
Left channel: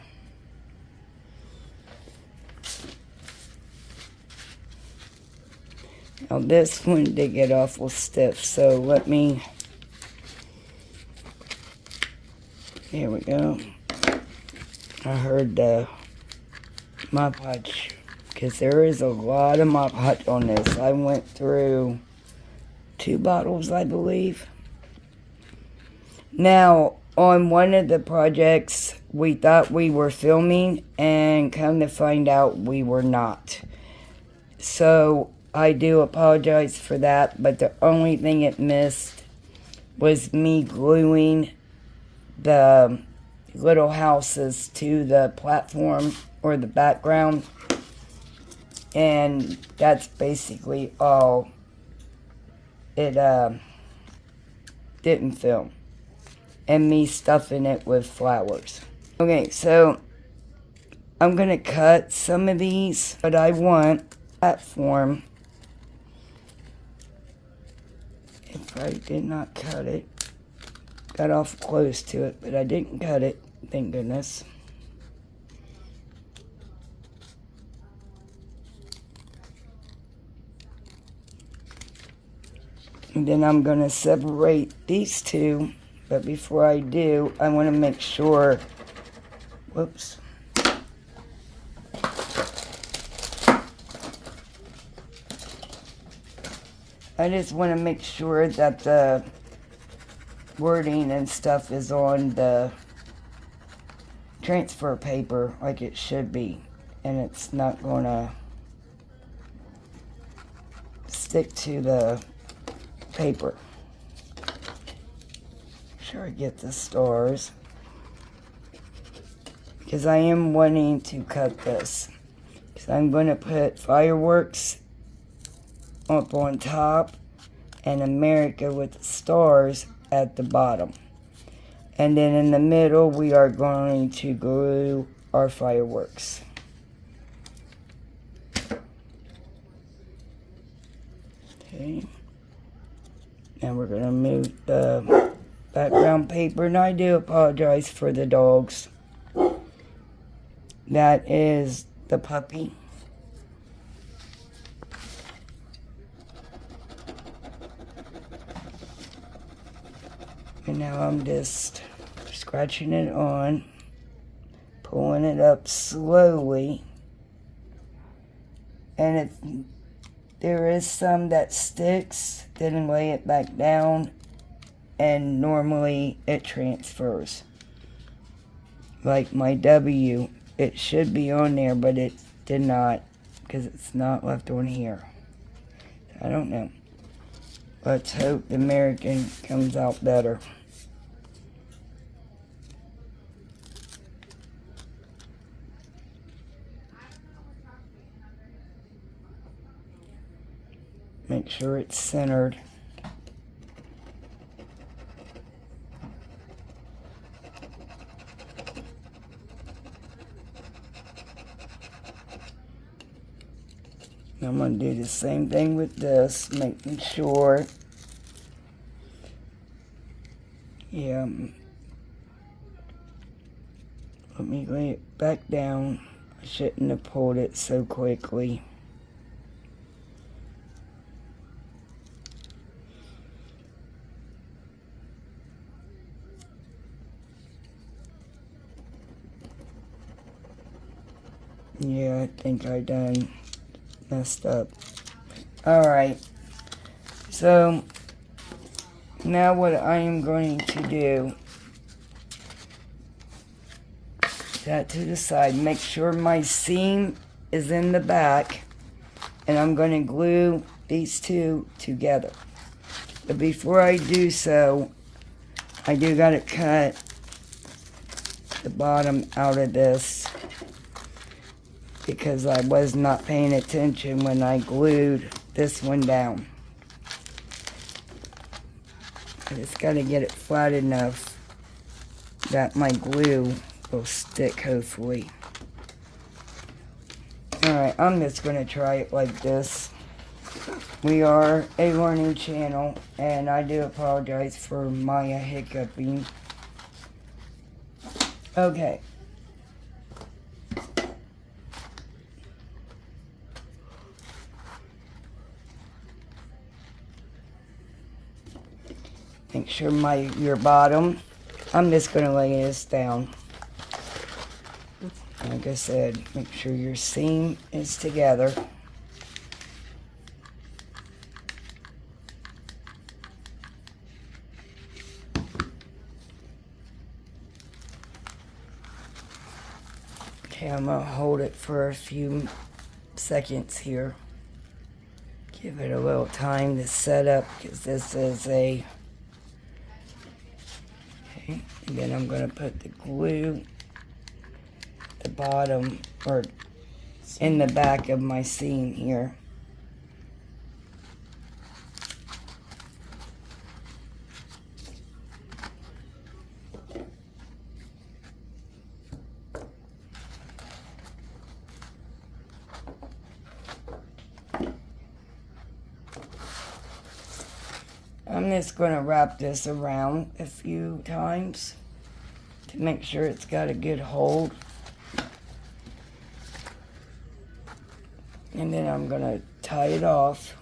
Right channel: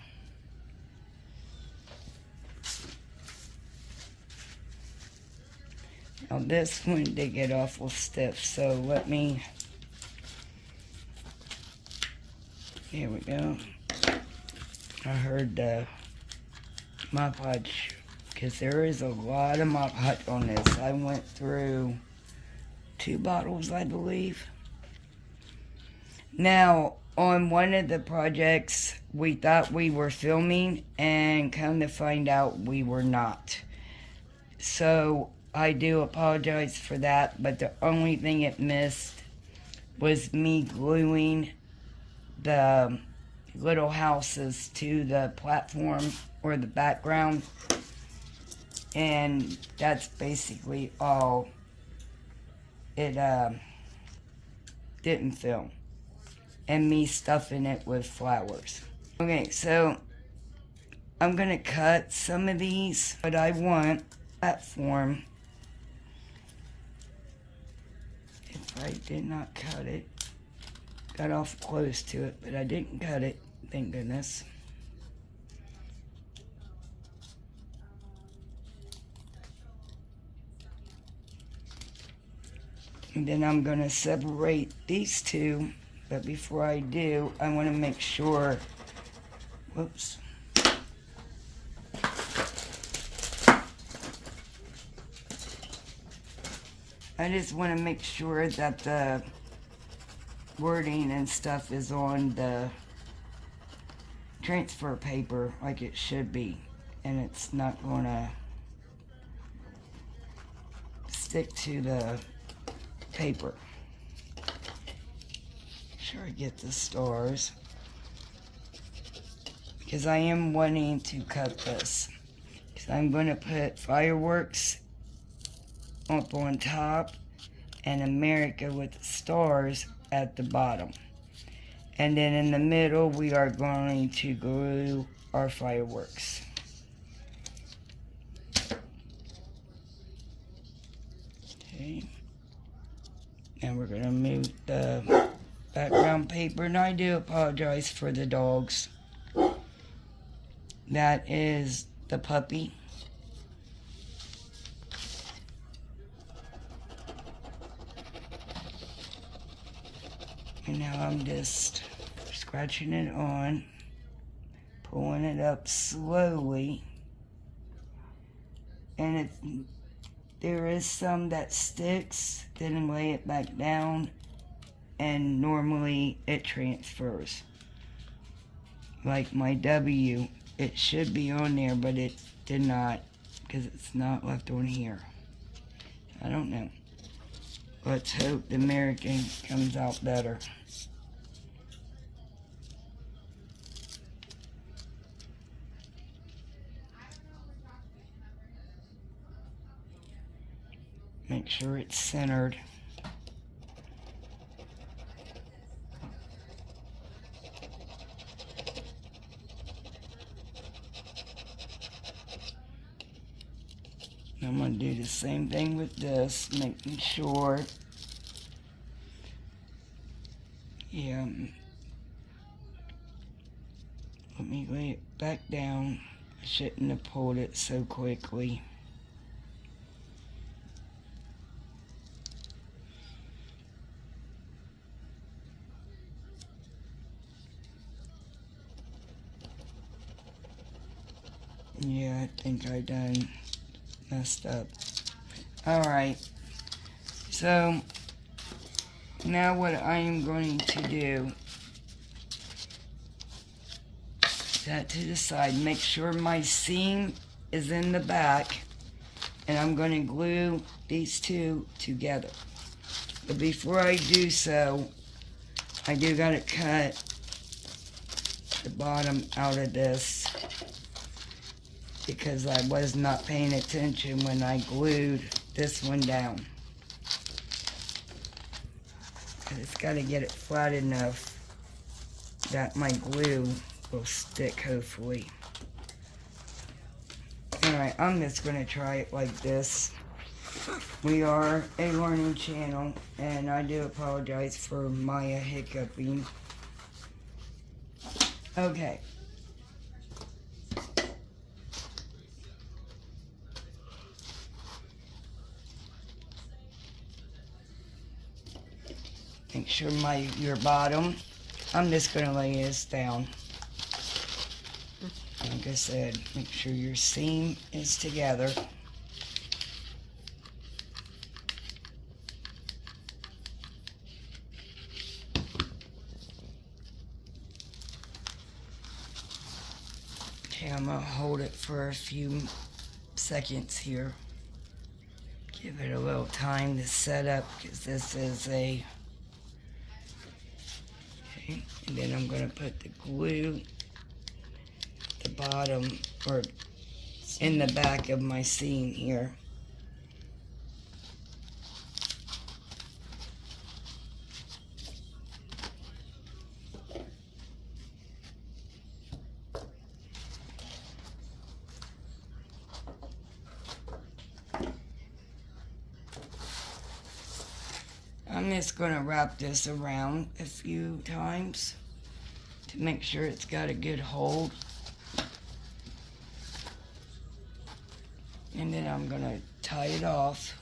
Now this one did get awful stiff, so let me, here we go. I heard the Mod Podge, because there is a lot of Mod Podge on this. I went through 2 bottles, I believe. Now, on one of the projects, we thought we were filming, and come to find out we were not. So, I do apologize for that, but the only thing it missed was me gluing the little houses to the platform or the background. And that's basically all. It didn't film. And me stuffing it with flowers. Okay, so I'm going to cut some of these, but I want platform. If I did not cut it, got off close to it, but I didn't cut it, thank goodness. And then I'm going to separate these 2. But before I do, I want to make sure, whoops. I just want to make sure that the wording and stuff is on the transfer paper like it should be. And it's not going to stick to the paper. Sure, I get the stars, because I am wanting to cut this, because I'm going to put fireworks up on top and America with the stars at the bottom, and then in the middle we are going to glue our fireworks. Okay, now we're going to move the background paper, and I do apologize for the dogs. That is the puppy. And now I'm just scratching it on, pulling it up slowly. And there is some that sticks, then lay it back down. And normally it transfers. Like my W, it should be on there, but it did not, because it's not left on here. I don't know. Let's hope the American comes out better. Make sure it's centered. I'm going to do the same thing with this, making sure. Yeah. Let me lay it back down. I shouldn't have pulled it so quickly. Yeah, I think I done messed up. Alright, so now what I am going to do, that to the side, make sure my seam is in the back, and I'm going to glue these two together. But before I do so, I do got to cut the bottom out of this, because I was not paying attention when I glued this one down. I just got to get it flat enough that my glue will stick, hopefully. Alright, I'm just going to try it like this. We are a learning channel, and I do apologize for Maya hiccuping. Okay. Make sure your bottom, I'm just going to lay this down. Like I said, make sure your seam is together. Okay, I'm going to hold it for a few seconds here. Give it a little time to set up, because this is a... Okay, and then I'm going to put the glue at the bottom, or in the back of my seam here. I'm just going to wrap this around a few times to make sure it's got a good hold. And then I'm going to tie it off.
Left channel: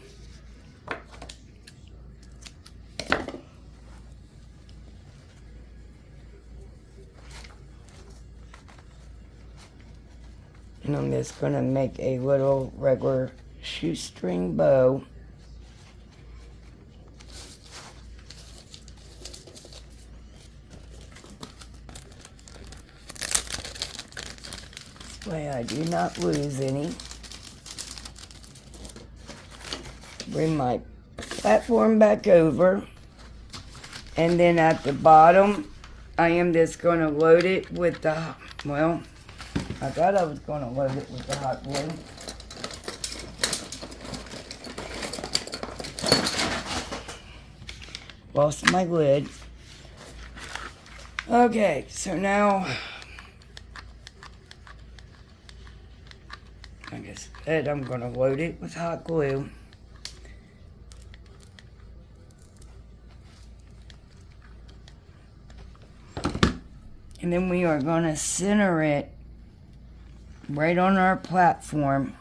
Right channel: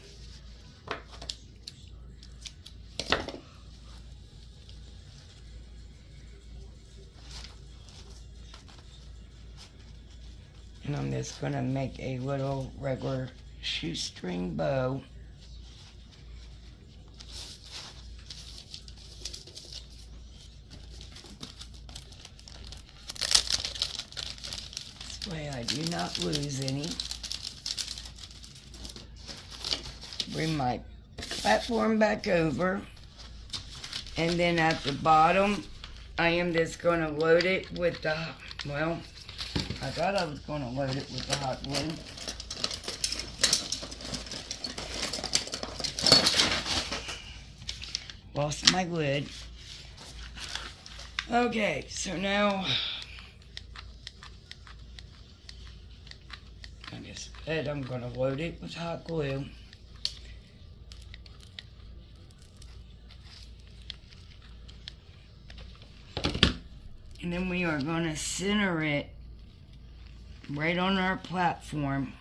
And I'm just going to make a little regular shoestring bow. This way I do not lose any. Bring my platform back over, and then at the bottom I am just going to load it with the, well, I thought I was going to load it with the hot glue. Lost my lid. Okay, so now like I said, I'm going to load it with hot glue. And then we are going to center it right on our platform.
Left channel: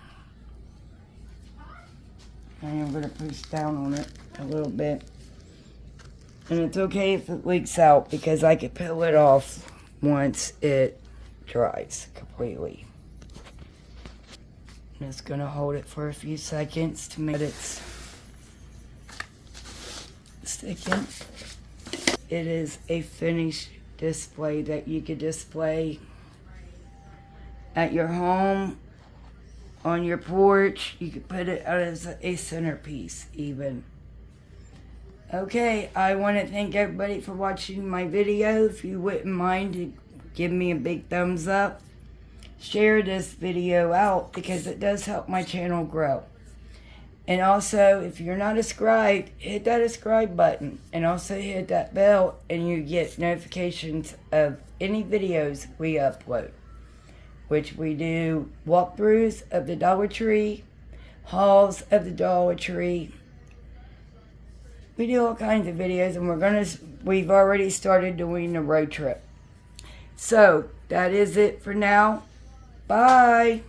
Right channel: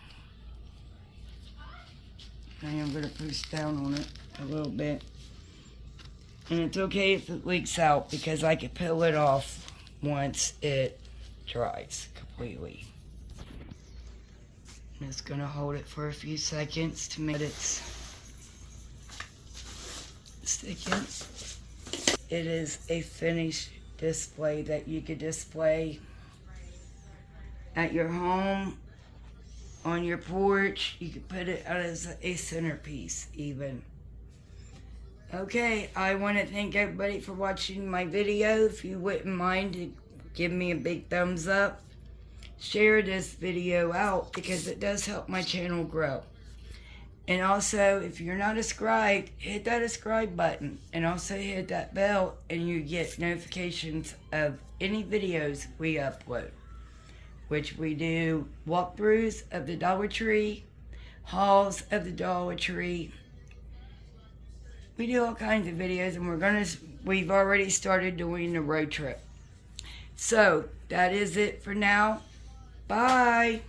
And I'm going to push down on it a little bit. And it's okay if it leaks out, because I can peel it off once it dries completely. I'm just going to hold it for a few seconds to make it sticking. It is a finished display that you could display at your home, on your porch. You could put it out as a centerpiece even. Okay, I want to thank everybody for watching my video. If you wouldn't mind to give me a big thumbs up, share this video out, because it does help my channel grow. And also, if you're not subscribed, hit that subscribe button, and also hit that bell, and you get notifications of any videos we upload, which we do walkthroughs of the Dollar Tree, hauls of the Dollar Tree. We do all kinds of videos, and we've already started doing the road trip. So, that is it for now. Bye.